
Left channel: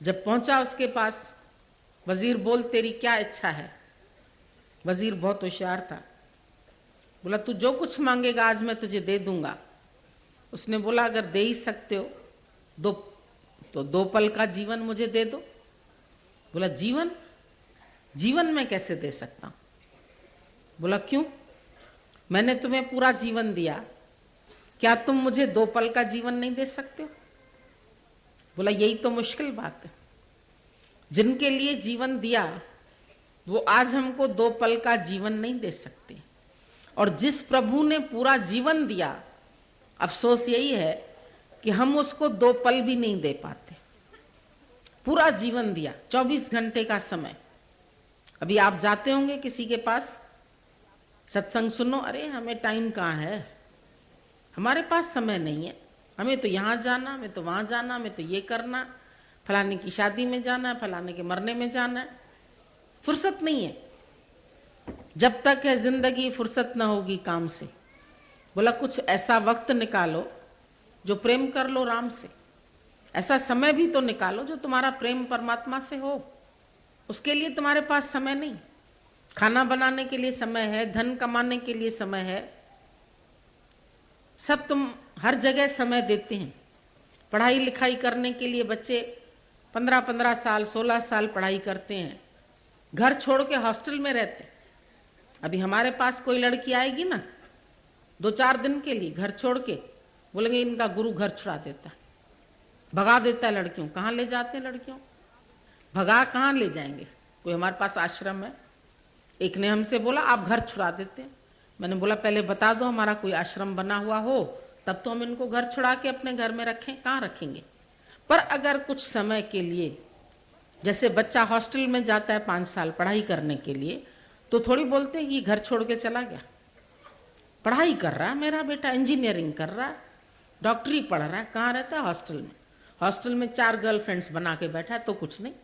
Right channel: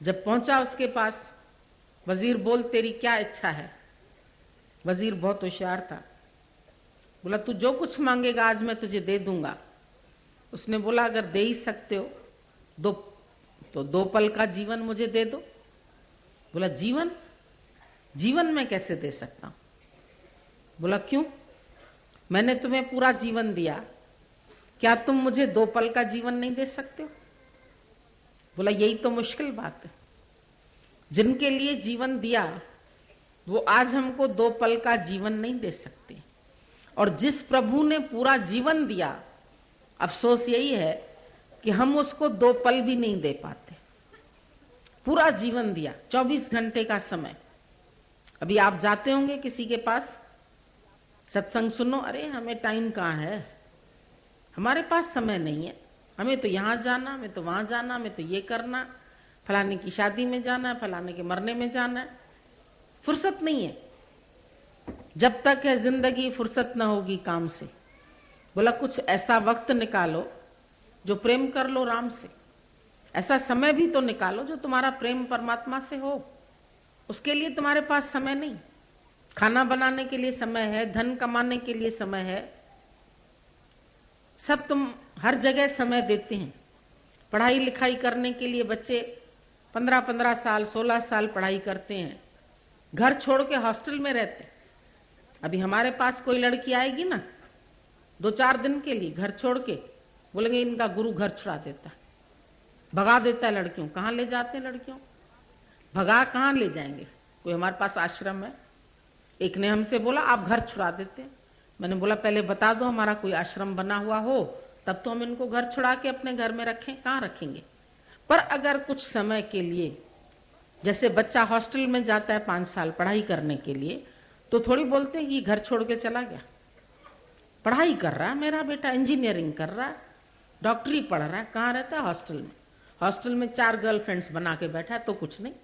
जब पहुंचा उसके पास, वजीर बोल तेरी क्या इच्छा है? वजीर बहुत होशियार था, बोला तू जो कुछ मांगेगा आज मैं तुझे दे दूंगा। उसने बोला अगर दे ही सकते हो तो 2 पल का जीवन मुझे दे दो। बोला जीवन जीवन मैं कैसे दे सकता हूं? बोला क्यों? मैंने तुम्हें पूरा जीवन दिया, क्या तुम मुझे 2 पल का जीवन नहीं दे सकते हो? बोला यही तो मुश्किल बात है, जिनके लिए जीवन दिया वो आज हमको 2 पल का जीवन नहीं दे सकते, और जिस प्रभु ने पूरा जीवन दिया अफसोस यही है कि हम उसको 2 पल भी नहीं दे पाते। पूरा जीवन दिया, 24 घंटे का समय। अभी आप जाते होंगे किसी के पास, सत्संग सुनो, अरे हमें टाइम कहाँ है, हमारे पास समय नहीं है, हमें तो यहाँ जाना, हमें तो वहां जाना, हमें तो ये करना, फलाने की शादी में जाना है, फलाने के मरने में जाना है, फुर्सत नहीं है। जब तक है जिंदगी फुर्सत ना होगी काम से। बोला कुछ ऐसा वक्त निकालो जो प्रेम कर लो राम से, ऐसा समय भी तो निकालो जो तुम्हारा प्रेम परमात्मा से हो। उसके लिए तुम्हारे पास समय नहीं। खाना बनाने के लिए समय है, धन कमाने के लिए समय है, सब तुम हर जगह समय देते हैं। पढ़ाई लिखाई करने के लिए बच्चे 15-15 साल 16 साल पढ़ाई करते हैं, घर छोड़ के हॉस्टल में रहते हैं। अभी हमारे पास कोई लड़की आएगी ना 2-4 दिन के लिए घर छोड़ के, बोलेंगे इनका गुरु घर छुड़ा देता, भगा देता है लड़कियों। कहाँ ले जाते हैं लड़कियों? भगा कहाँ ले जाएंगे? कोई हमारे पास आश्रम है, एक ने हमसे बोला आप घर छुड़ा देते हैं। मैंने बोला पहले बता दो हमारा कोई आश्रम बना हुआ हो, तब तो हम इनको घर छुड़ा के अपने घर में रखें। कहाँ रखेंगे? पर अगर कुछ समय के लिए, जैसे बच्चा हॉस्टल में जाता है 5 साल पढ़ाई करने के लिए, तो थोड़ी बोलते हैं कि घर छोड़ के चला गया। पढ़ाई कर रहा है मेरा बेटा, इंजीनियरिंग कर रहा है, डॉक्टरी पढ़ रहा है, कहाँ रहता है? हॉस्टल में। हॉस्टल में 4 गर्लफ्रेंड्स बना के बैठा है तो कुछ नहीं,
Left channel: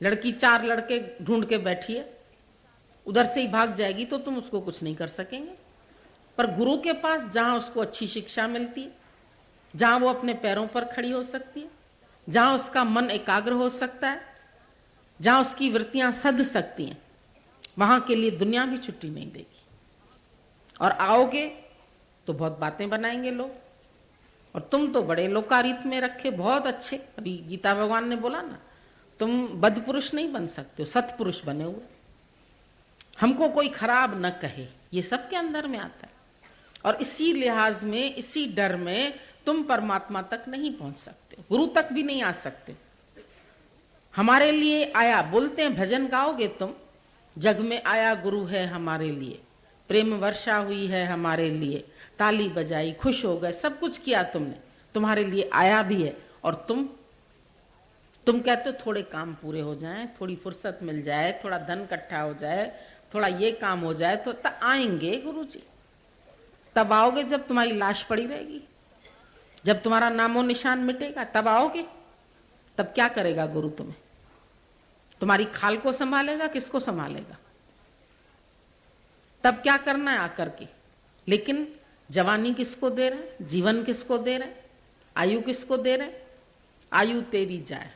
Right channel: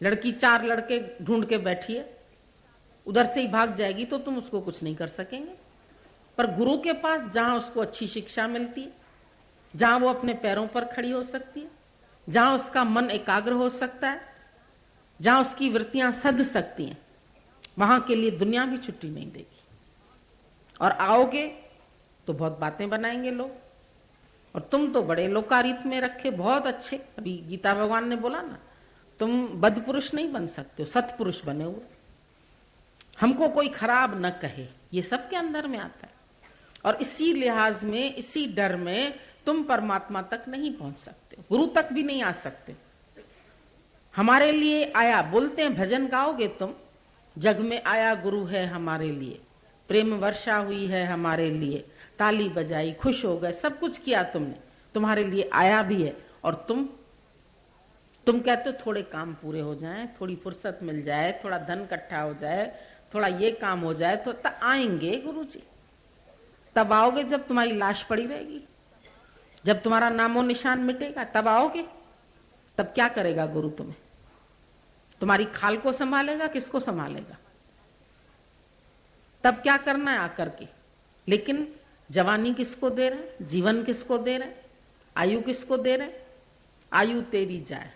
लड़की 4 लड़के ढूंढ के बैठी है, उधर से ही भाग जाएगी तो तुम उसको कुछ नहीं कर सकेंगे। पर गुरु के पास जहां उसको अच्छी शिक्षा मिलती है, जहां वो अपने पैरों पर खड़ी हो सकती है, जहां उसका मन एकाग्र हो सकता है, जहां उसकी वृत्तियां सध सकती हैं, वहां के लिए दुनिया भी छुट्टी नहीं देगी। और आओगे तो बहुत बातें बनाएंगे लोग, और तुम तो बड़े लोकारीत में रखे, बहुत अच्छे। अभी गीता भगवान ने बोला ना, तुम बद पुरुष नहीं बन सकते हो, सत्पुरुष बने हुए। हमको कोई खराब न कहे, ये सब के अंदर में आता है। और इसी लिहाज में, इसी डर में तुम परमात्मा तक नहीं पहुंच सकते, गुरु तक भी नहीं आ सकते। हमारे लिए आया, बोलते हैं भजन गाओगे तुम, जग में आया गुरु है हमारे लिए, प्रेम वर्षा हुई है हमारे लिए, ताली बजाई खुश हो गए, सब कुछ किया तुमने, तुम्हारे लिए आया भी है। और तुम कहते हो थोड़े काम पूरे हो जाएं, थोड़ी फुर्सत मिल जाए, थोड़ा धन इकट्ठा हो जाए, थोड़ा ये काम हो जाए तो तब आएंगे गुरुजी। तब आओगे जब तुम्हारी लाश पड़ी रहेगी, जब तुम्हारा नामो निशान मिटेगा, तब आओगे। तब क्या करेगा गुरु तुम्हें? तुम्हारी खाल को संभालेगा, किसको संभालेगा? तब क्या करना है आकर के? लेकिन जवानी किसको दे रहे, जीवन किसको दे रहे, आयु किसको दे रहे? आयु तेरी जाए,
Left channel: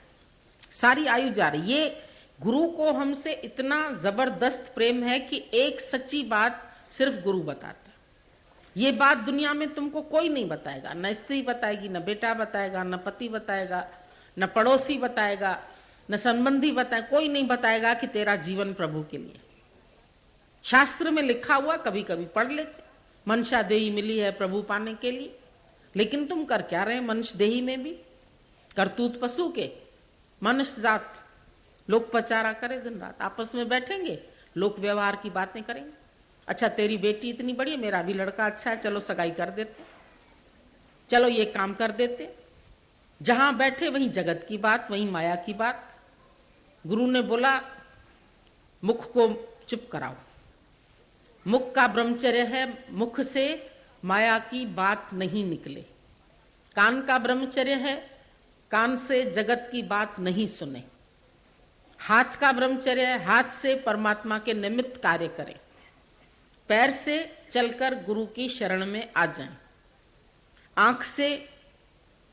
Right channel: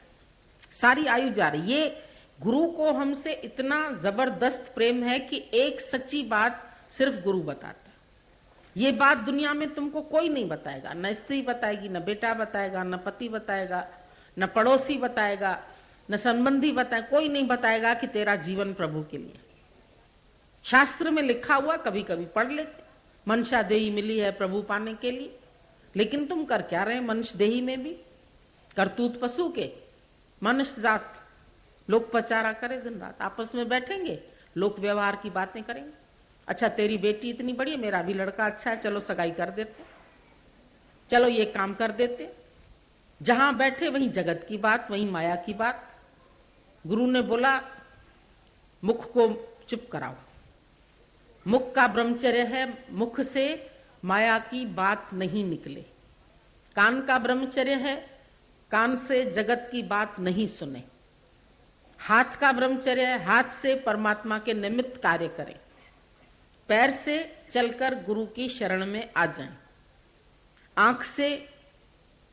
सारी आयु जा रही। ये गुरु को हमसे इतना जबरदस्त प्रेम है कि एक सच्ची बात सिर्फ गुरु बताता है। ये बात दुनिया में तुमको कोई नहीं बताएगा, न स्त्री बताएगी, न बेटा बताएगा, न पति बताएगा, न पड़ोसी बताएगा, न संबंधी बताए, कोई नहीं बताएगा कि तेरा जीवन प्रभु के लिए। शास्त्र में लिखा हुआ कभी कभी पढ़ लेते, मनुष्य देही मिली है प्रभु पाने के लिए, लेकिन तुम कर क्या रहे? मनुष्य देही में भी करतूत पशु के, मनुष्य जात लोक पचारा करे दिन रात, आपस में बैठेंगे, लोक व्यवहार की बातें करेंगे। अच्छा तेरी बेटी इतनी बड़ी है, मेरा भी लड़का अच्छा है, चलो सगाई कर देते, चलो ये काम कर देते। जहां बैठे वहीं जगत की बात, वहीं माया की बात। गुरु ने बोला मुख को चुप कराओ, मुख का ब्रह्मचर्य है, मुख से माया की बात नहीं निकले। कान का ब्रह्मचर्य है, कान से जगत की बात नहीं सुने। हाथ का ब्रह्मचर्य है, हाथ से परमात्मा के निमित्त कार्य करें। पैर से चलकर गुरु की शरण में आ जाएं। आंख से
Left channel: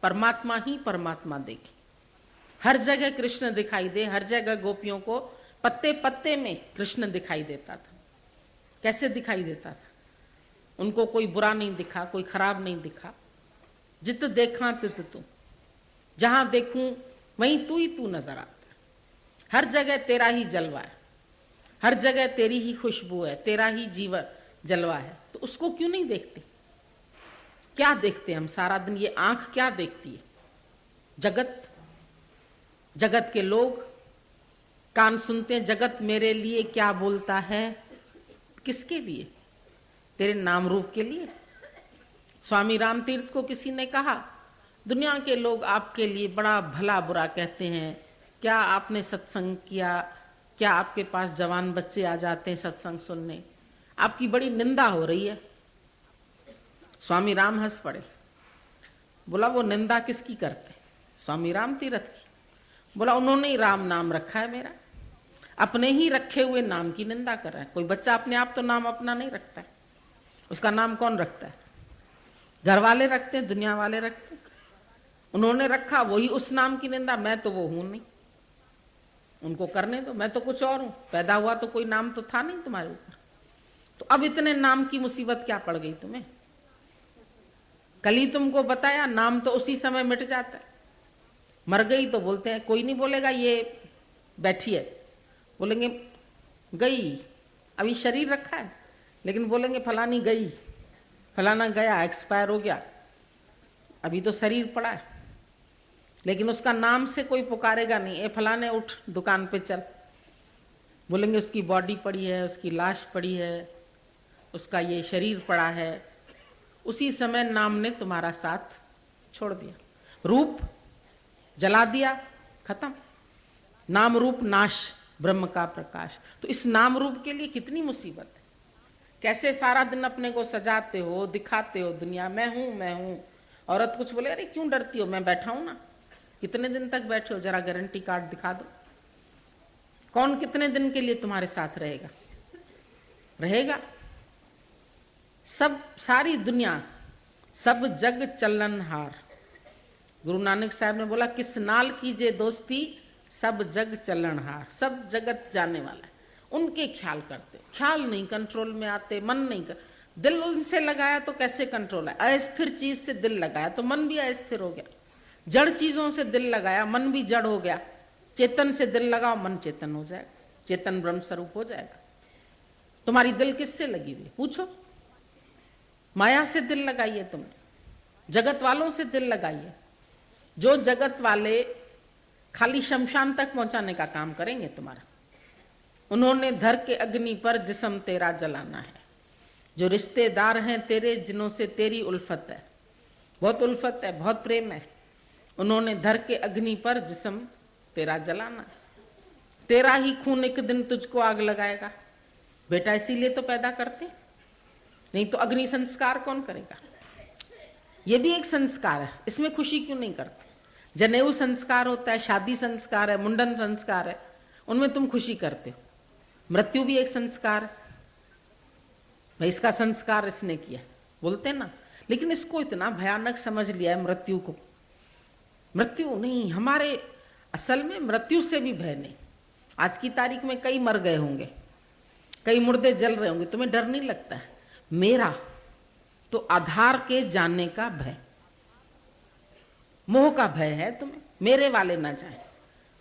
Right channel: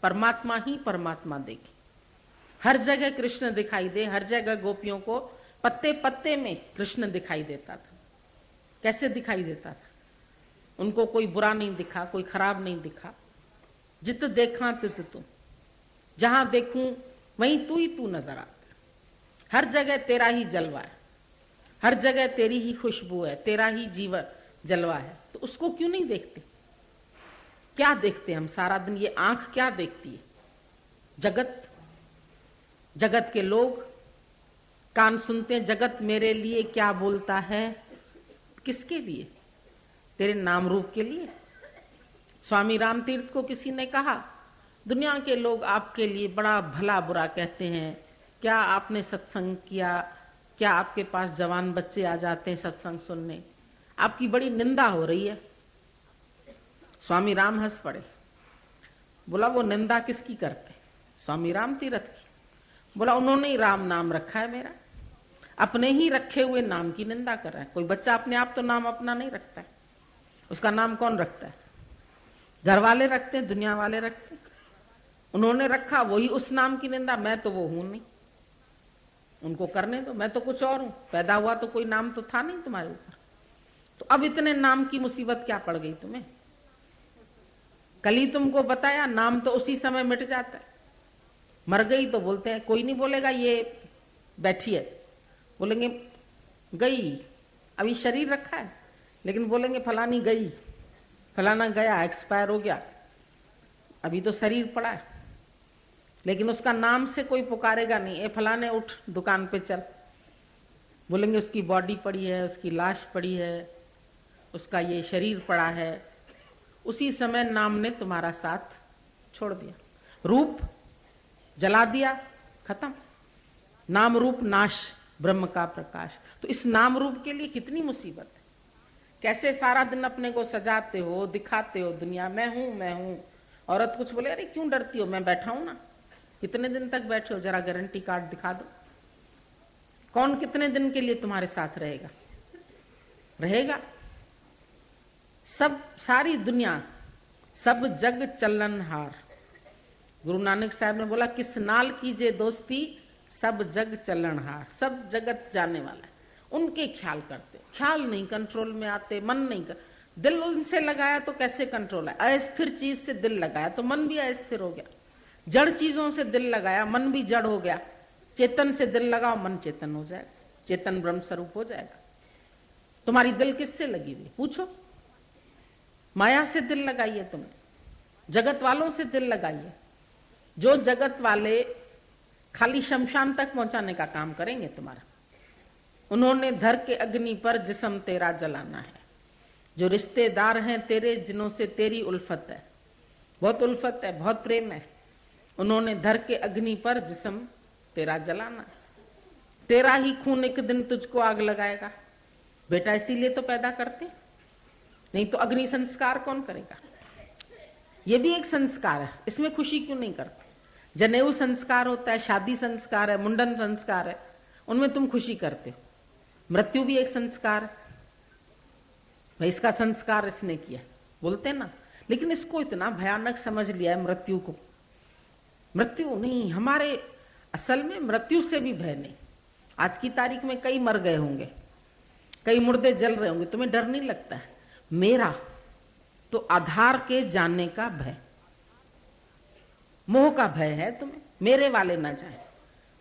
परमात्मा ही परमात्मा देखे, हर जगह कृष्ण दिखाई दे। हर जगह गोपियों को पत्ते पत्ते में कृष्ण दिखाई देता था। कैसे दिखाई देता था? उनको कोई बुरा नहीं दिखा, कोई खराब नहीं दिखा। जित देखा तित तू, जहां देखूं वहीं तू ही तू नजर आता है। हर जगह तेरा ही जलवा है, हर जगह तेरी ही खुशबू है, तेरा ही जीवन जलवा है। तो उसको क्यों नहीं देखते? क्या देखते हम सारा दिन? ये आंख क्या देखती है? जगत, जगत के लोग, कान सुनते हैं जगत मेरे लिए क्या बोलता है। किसके लिए? तेरे नाम रूप के लिए। स्वामी रामतीर्थ को किसी ने कहा, दुनिया के लोग आपके लिए बड़ा भला बुरा कहते हैं, क्या आपने सत्संग किया? क्या आपके पास जवान बच्चे आ जाते हैं सत्संग सुनने? आपकी बड़ी निंदा हो रही है। स्वामी राम हंस पड़े। बोला वो निंदा किसकी करते? स्वामी राम तीर्थ की। बोला उन्होंने ही राम नाम रखा है मेरा, अपने ही रखे हुए नाम की निंदा कर रहा है। कोई बच्चा अपने आप तो नाम अपना नहीं रखता, उसका नाम कौन रखता है? घर वाले रखते हैं, दुनिया वाले रखते हैं। उन्होंने रखा, वही उस नाम की निंदा। मैं तो वो हूं नहीं, उनको करने दो, मैं तो कुछ और हूं। पैदा हुआ तो कोई नाम तो था नहीं तुम्हारे ऊपर, तो अब इतने नाम की मुसीबत क्या पड़ गई तुम्हें? कल ही तुमको बताया, नाम तो उसी समय मिट जाता है। मर गई तो बोलते हैं, कोई नहीं बोलेगा ये बैठी है, बोलेंगे गई। अभी शरीर रखा है, लेकिन बोलेंगे फलानी गई, फलाना गया, एक्सपायर हो गया। अभी तो शरीर पड़ा है, लेकिन उसका नाम से कोई पुकारेगा नहीं, ए फलाने उठ दुकान पे चल। बोलेंगे उसकी बॉडी पड़ी है, उसकी लाश पड़ी है, उसका ये शरीर पड़ा है। उसी समय नाम ने तुम्हारा साथ छोड़ दिया, रूप जला दिया, खत्म। नाम रूप नाश, ब्रह्म का प्रकाश। तो इस नाम रूप के लिए कितनी मुसीबत है। कैसे सारा दिन अपने को सजाते हो, दिखाते हो दुनिया, मैं हूं मैं हूं। औरत कुछ बोले, अरे क्यों डरती हो, मैं बैठा हूं ना। कितने दिन तक बैठे हो, जरा गारंटी कार्ड दिखा दो। कौन कितने दिन के लिए तुम्हारे साथ रहेगा? रहेगा सब, सारी दुनिया, सब जग चलनहार। गुरु नानक साहब ने बोला, किस नाल कीजिए दोस्ती, सब जग चलनहार। सब जगत जाने वाला, उनके ख्याल करते, ख्याल नहीं कंट्रोल में आते, मन नहीं कर। दिल उनसे लगाया तो कैसे कंट्रोल है? अस्थिर चीज से दिल लगाया तो मन भी अस्थिर हो गया। जड़ चीजों से दिल लगाया, मन भी जड़ हो गया। चेतन से दिल लगाओ, मन चेतन हो जाएगा, चेतन ब्रह्म स्वरूप हो जाएगा। तुम्हारी दिल किससे लगी हुई? पूछो। माया से दिल लगाइए, तुमने जगत वालों से दिल लगाइए। जो जगत वाले खाली शमशान तक पहुंचाने का काम करेंगे तुम्हारा। उन्होंने धर के अग्नि पर जिस्म तेरा जलाना है। जो रिश्तेदार हैं तेरे, जिन्हों से तेरी उल्फत है, बहुत उल्फत है, बहुत प्रेम है, उन्होंने धर के अग्नि पर जिस्म तेरा जलाना है। तेरा ही खून एक दिन तुझको आग लगाएगा। बेटा इसीलिए तो पैदा करते, नहीं तो अग्नि संस्कार कौन करेगा? ये भी एक संस्कार है, इसमें खुशी क्यों नहीं करते? जनेऊ संस्कार होता है, शादी संस्कार है, मुंडन संस्कार है, उनमें तुम खुशी करते हो। मृत्यु भी एक संस्कार है, भाई इसका संस्कार इसने किया, बोलते ना। लेकिन इसको इतना भयानक समझ लिया है मृत्यु को। मृत्यु नहीं, हमारे असल में मृत्यु से भी भय नहीं। आज की तारीख में कई मर गए होंगे, कई मुर्दे जल रहे होंगे, तुम्हें डर नहीं लगता है? मेरा तो आधार के जानने का भय, मोह का भय है तुम्हें। मेरे वाले ना जाए,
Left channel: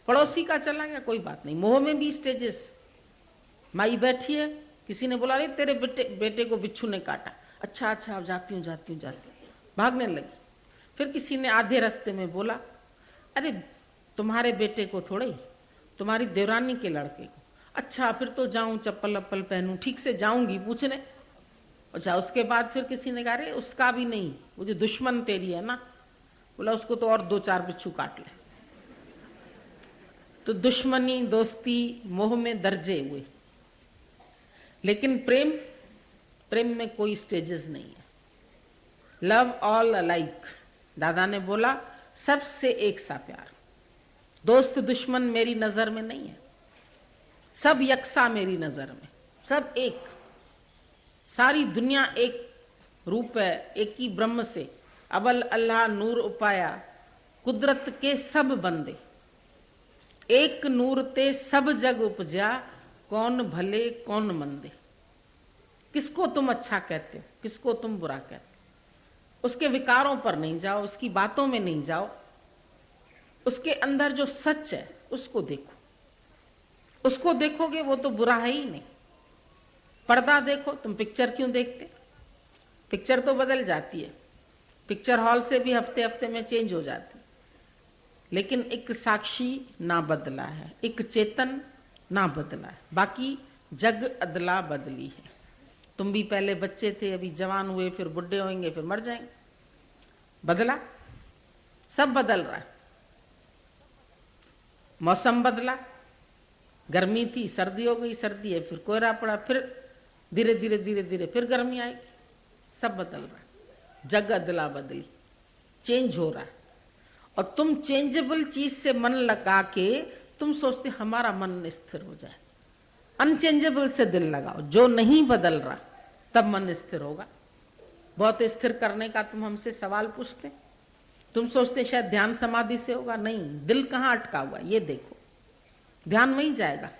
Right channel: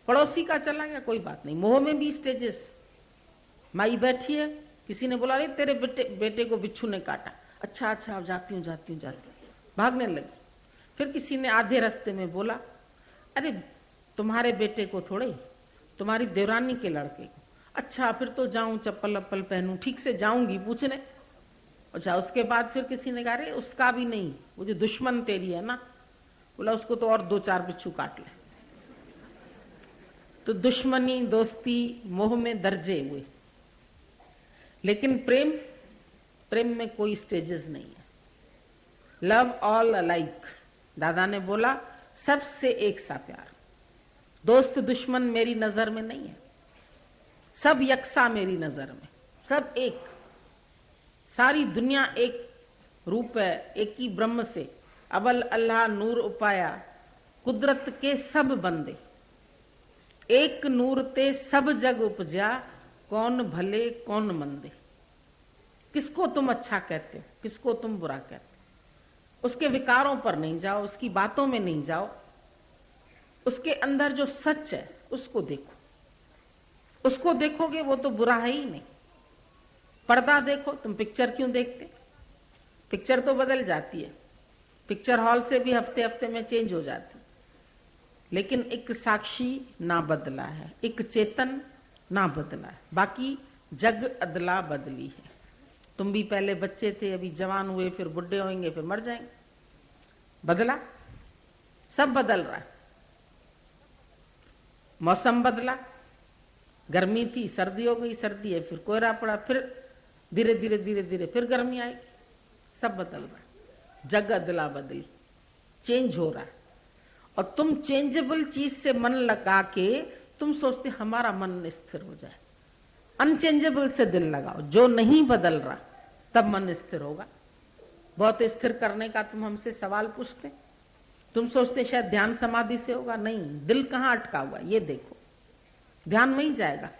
पड़ोसी का चला गया कोई बात नहीं। मोह में भी स्टेजेस। माई बैठी है, किसी ने बोला, अरे तेरे बेटे को बिच्छू ने काटा। अच्छा अच्छा, जाती हूँ जाती हूँ जाती हूँ, भागने लगी। फिर किसी ने आधे रास्ते में बोला, अरे तुम्हारे बेटे को थोड़े, तुम्हारी देवरानी के लड़के को। अच्छा फिर तो जाऊं, चप्पल अप्पल पहनूं, ठीक से जाऊंगी पूछने। अच्छा उसके बाद फिर किसी ने कहा, अरे उसका भी नहीं, वो जो दुश्मन तेरी है ना, बोला उसको तो और 2-4 बिच्छू काट ले। तो दुश्मनी, दोस्ती, मोह में दर्जे हुए। लेकिन प्रेम, प्रेम में कोई स्टेजेस नहीं है। लव ऑल अलाइक, दादा ने बोला सबसे एक सा प्यार। दोस्त दुश्मन मेरी नजर में नहीं है, सब यकसा मेरी नजर में, सब एक। सारी दुनिया एक रूप है, एक ही ब्रह्म से अवल अल्लाह नूर उपाया, कुदरत के सब बंदे। एक नूर ते सब जग उपजा, कौन भले कौन मंदे। किसको तुम अच्छा कहते हो, किसको तुम बुरा कहते हो। उसके विकारों पर नहीं जाओ, उसकी बातों में नहीं जाओ, उसके अंदर जो सच है उसको देखो। उसको देखोगे वो तो बुरा है ही नहीं। पर्दा देखो, तुम पिक्चर क्यों देखते? पिक्चर तो बदल जाती है, पिक्चर हॉल से भी हफ्ते हफ्ते में चेंज हो जाती, लेकिन एक साक्षी ना बदला है, एक चेतन ना बदला है, बाकी जग अदला बदली है। तुम भी पहले बच्चे थे, अभी जवान हुए, फिर बुढ़े होंगे, फिर मर जाएंगे। बदला, सब बदल रहा है। मौसम बदला, गर्मी थी सर्दी हो गई, सर्दी है फिर कोहरा पड़ा, फिर धीरे धीरे धीरे धीरे फिर गर्मी आई, सब बदल रहा है। जग अदला बदली, चेंज हो रहा है। और तुम चेंजेबल चीज से मन लगा के तुम सोचते हमारा मन स्थिर हो जाए। अनचेंजेबल से दिल लगाओ, जो नहीं बदल रहा तब मन स्थिर होगा। बहुत स्थिर करने का तुम हमसे सवाल पूछते, तुम सोचते शायद ध्यान समाधि से होगा, नहीं, दिल कहाँ अटका हुआ ये देखो, ध्यान में ही जाएगा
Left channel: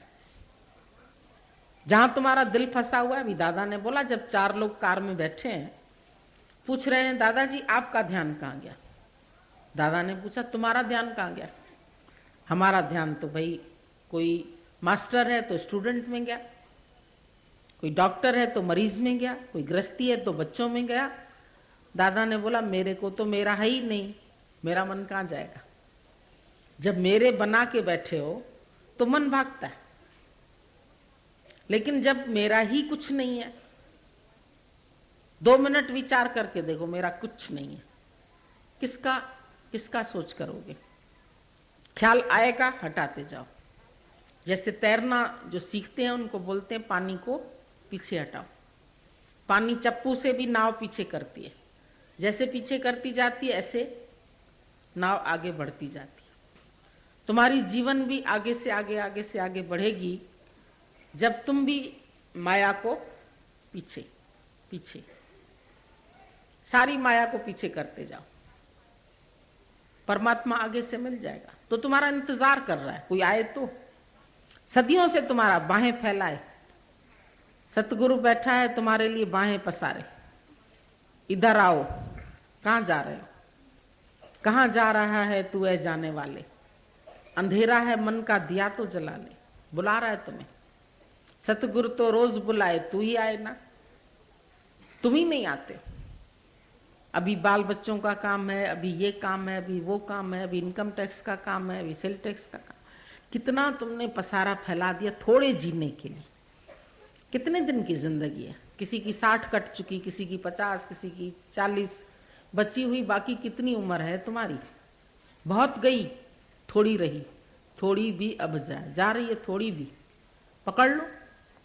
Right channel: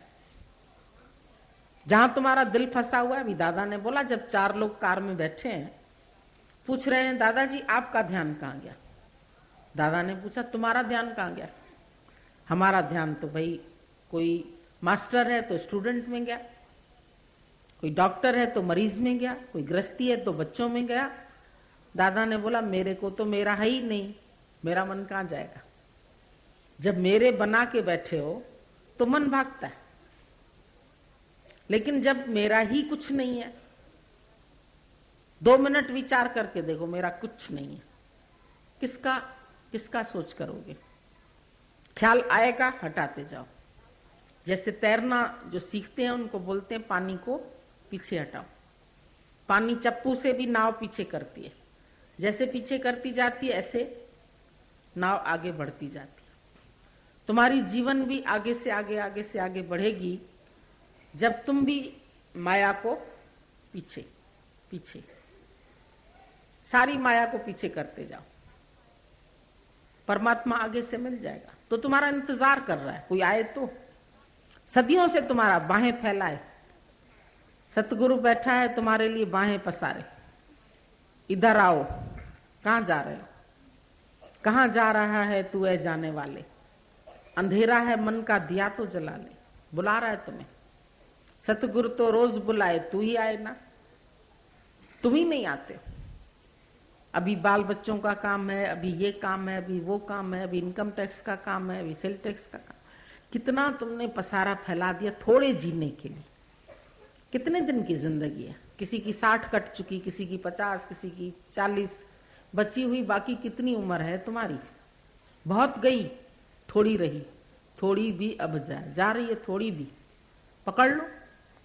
जहां तुम्हारा दिल फंसा हुआ है। अभी दादा ने बोला, जब 4 लोग कार में बैठे हैं, पूछ रहे हैं दादाजी आपका ध्यान कहाँ गया। दादा ने पूछा तुम्हारा ध्यान कहाँ गया। हमारा ध्यान तो भाई, कोई मास्टर है तो स्टूडेंट में गया, कोई डॉक्टर है तो मरीज में गया, कोई गृहस्थी है तो बच्चों में गया। दादा ने बोला मेरे को तो मेरा है ही नहीं, मेरा मन कहाँ जाएगा। जब मेरे बना के बैठे हो तो मन भागता है, लेकिन जब मेरा ही कुछ नहीं है, 2 मिनट विचार करके देखो, मेरा कुछ नहीं है, किसका किसका सोच करोगे। ख्याल आएगा, हटाते जाओ। जैसे तैरना जो सीखते हैं उनको बोलते हैं पानी को पीछे हटाओ। पानी चप्पू से भी नाव पीछे करती है, जैसे पीछे करती जाती है ऐसे नाव आगे बढ़ती जाती है। तुम्हारी जीवन भी आगे से आगे, आगे से आगे बढ़ेगी जब तुम भी माया को पीछे पीछे, सारी माया को पीछे करते जाओ। परमात्मा आगे से मिल जाएगा। तो तुम्हारा इंतजार कर रहा है, कोई आए तो। सदियों से तुम्हारा बाहें फैलाए, सतगुरु बैठा है तुम्हारे लिए बाहें पसारे, इधर आओ। कहां जा रहे हो, कहां जा रहा है तू है जाने वाले। अंधेरा है मन का, दिया तो जला ले। बुला रहा है तुम्हें सतगुरु, तो रोज बुलाए, तू ही आए ना, तुम ही नहीं आते। अभी बाल बच्चों का काम है, अभी ये काम है, अभी वो काम है, अभी इनकम टैक्स का काम है, अभी सेल टैक्स का काम। कितना तुमने पसारा फैला दिया थोड़े जीने के लिए। कितने दिन की जिंदगी है, किसी की 60 कट चुकी, किसी की 50, किसी की 40 बची हुई, बाकी कितनी उम्र है तुम्हारी। बहुत गई, थोड़ी रही, थोड़ी भी अब जाए, जा रही है थोड़ी भी, पकड़ लो।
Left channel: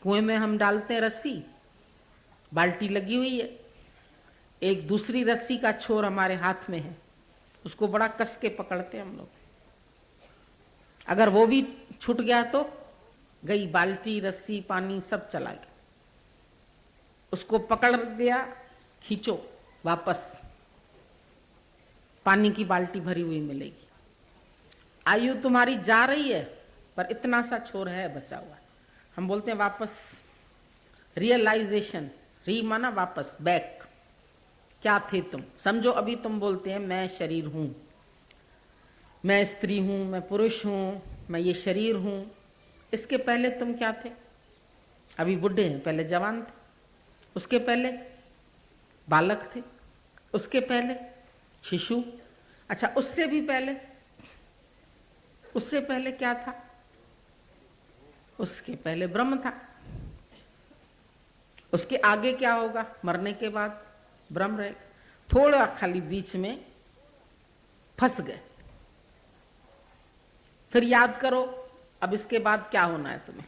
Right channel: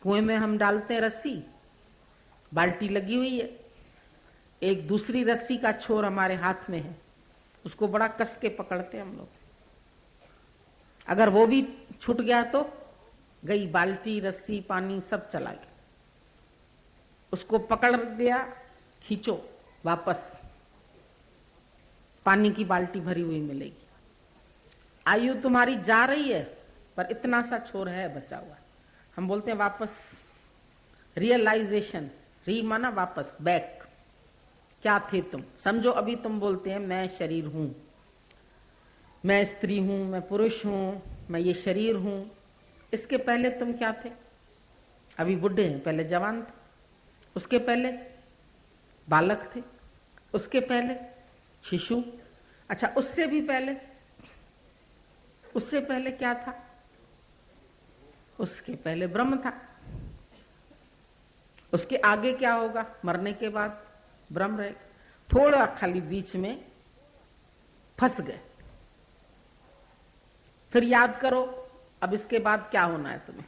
कुएं में हम डालते हैं रस्सी, बाल्टी लगी हुई है, एक दूसरी रस्सी का छोर हमारे हाथ में है, उसको बड़ा कस के पकड़ते हैं हम लोग। अगर वो भी छूट गया तो गई बाल्टी, रस्सी, पानी सब चला गया। उसको पकड़ दिया, खींचो वापस, पानी की बाल्टी भरी हुई मिलेगी। आयु तुम्हारी जा रही है पर इतना सा छोर है बचा हुआ। हम बोलते हैं वापस, रियलाइजेशन, री माना वापस, बैक। क्या थे तुम, समझो अभी तुम बोलते हैं मैं शरीर हूं, मैं स्त्री हूं, मैं पुरुष हूं, मैं ये शरीर हूं। इसके पहले तुम क्या थे? अभी बुढ़े हैं, पहले जवान थे, उसके पहले बालक थे, उसके पहले शिशु, अच्छा उससे भी पहले, उससे पहले क्या था? उसके पहले ब्रह्म था। उसके आगे क्या होगा? मरने के बाद ब्रह्म रहेगा। थोड़ा खाली बीच में फंस गए। फिर याद करो अब इसके बाद क्या होना है तुम्हें।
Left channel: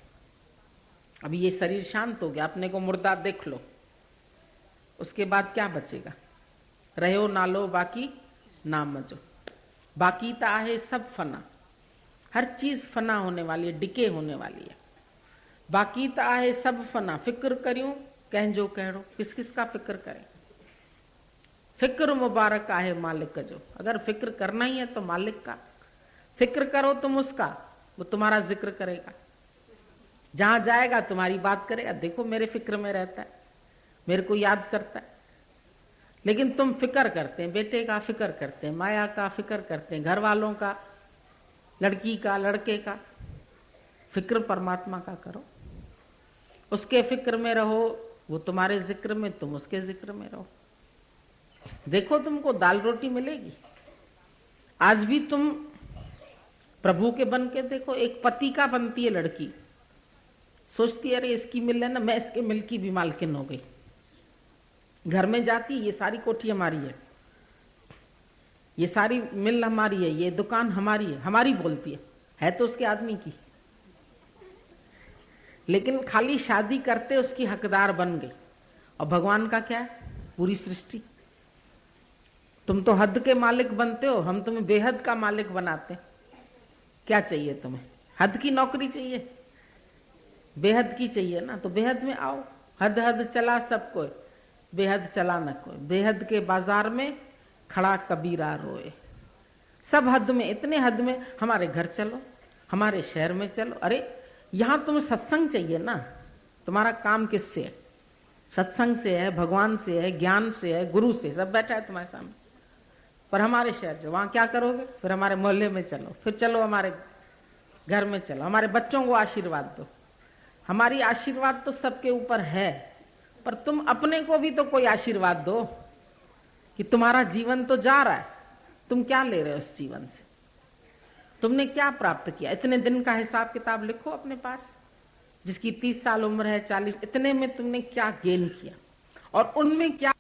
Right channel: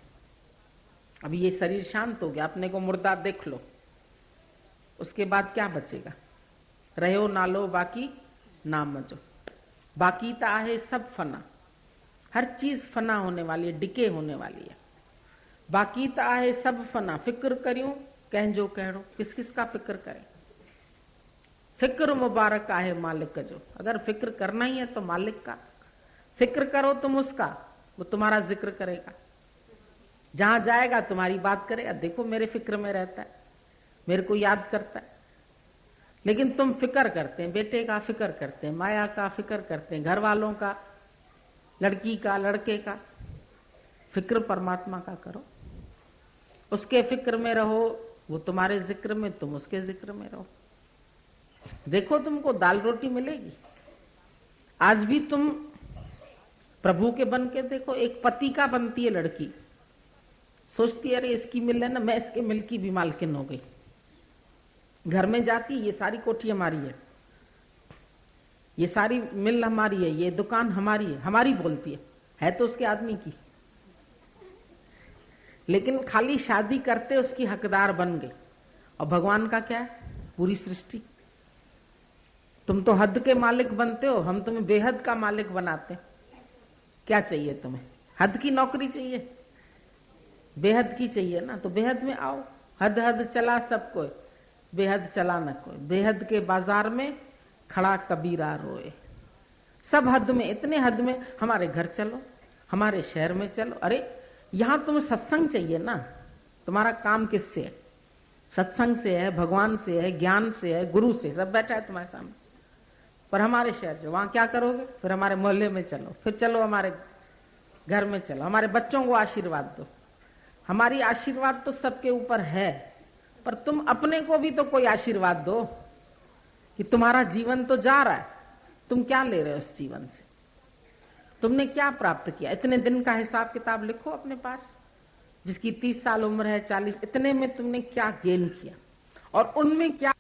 अभी ये शरीर शांत हो गया, अपने को मुर्दा देख लो, उसके बाद क्या बचेगा? रहो ना लो बाकी ना मजो, बाकी तो आहे सब फना। हर चीज फना होने वाली है, डिके होने वाली है। बाकी तो आहे सब फना, फिक्र करियो कहजो कहो, किस किस का फिक्र करें? फिक्र मुबारक आहे मालिक जो। अगर फिक्र करना ही है तो मालिक का फिक्र करो, तुम उसका, वो तुम्हारा जिक्र करेगा। जहां जाएगा तुम्हारी बात करेगा, देखो मेरे फिक्र में रहता है, मेरे को याद करता है। लेकिन तुम फिक्र करते हैं, बेटे का फिक्र करते हैं, माया का फिक्र करते हैं, घर वालों का, लड़की का, लड़के का। फिक्र परमात्मा का करो, उसके फिक्र में रहो, वो तुम्हारे जिक्र में, तुम उसके जिक्र में रहो। देखो तुमको दाल रोटी मिलेगी। आज भी तुम प्रभु के बन के देखो। एक पति का बनती है लड़की, सोचती है अरे इसकी मिल है ना, मैं इसके मिल की भी मालकिन हो गई। घर में जाती, ये सारी कोठी हमारी है, ये सारी मिल हमारी है, ये दुकान हमारी है, हमारी बोलती है तो उसके आदमी की। लेकिन खाली शादी करते उसकी हकदार बन गए। और भगवान का क्या है? पूरी सृष्टि। तुम तो हद के मालिक बनते हो, हम तुम्हें बेहद का मालिक बनाते। क्या चाहिए तुम्हें? हद की नौकरी चाहिए? बेहद की चाहिए ना, तो बेहद में आओ। हद हद चला सबको, बेहद चला न कोई। बेहद के बाजार में खड़ा कबीरा रोए। सब हद में, इतने हद में। हमारे घर चलो, हमारे शहर में चलो। अरे यहां तुम्हें सत्संग चाहिए ना, तुम्हारा काम किससे है? सत्संग से है, भगवान से है, ज्ञान से है, गुरु से, सब बैठा है तुम्हारे सामने। पर हमारे शहर से वहां क्या करोगे? फिर हमारे मोहल्ले में चलो, फिर चलो हमारे घर में चलो, हमारे बच्चों को आशीर्वाद दो। हमारी आशीर्वाद तो सबके ऊपर है, पर तुम अपने को भी तो कोई आशीर्वाद दो कि तुम्हारा जीवन तो जा रहा है, तुम क्या ले रहे हो इस जीवन से? तुमने क्या प्राप्त किया? इतने दिन का हिसाब किताब लिखो अपने पास। जिसकी 30 साल उम्र है, 40, इतने में तुमने क्या गेन किया और उनमें क्या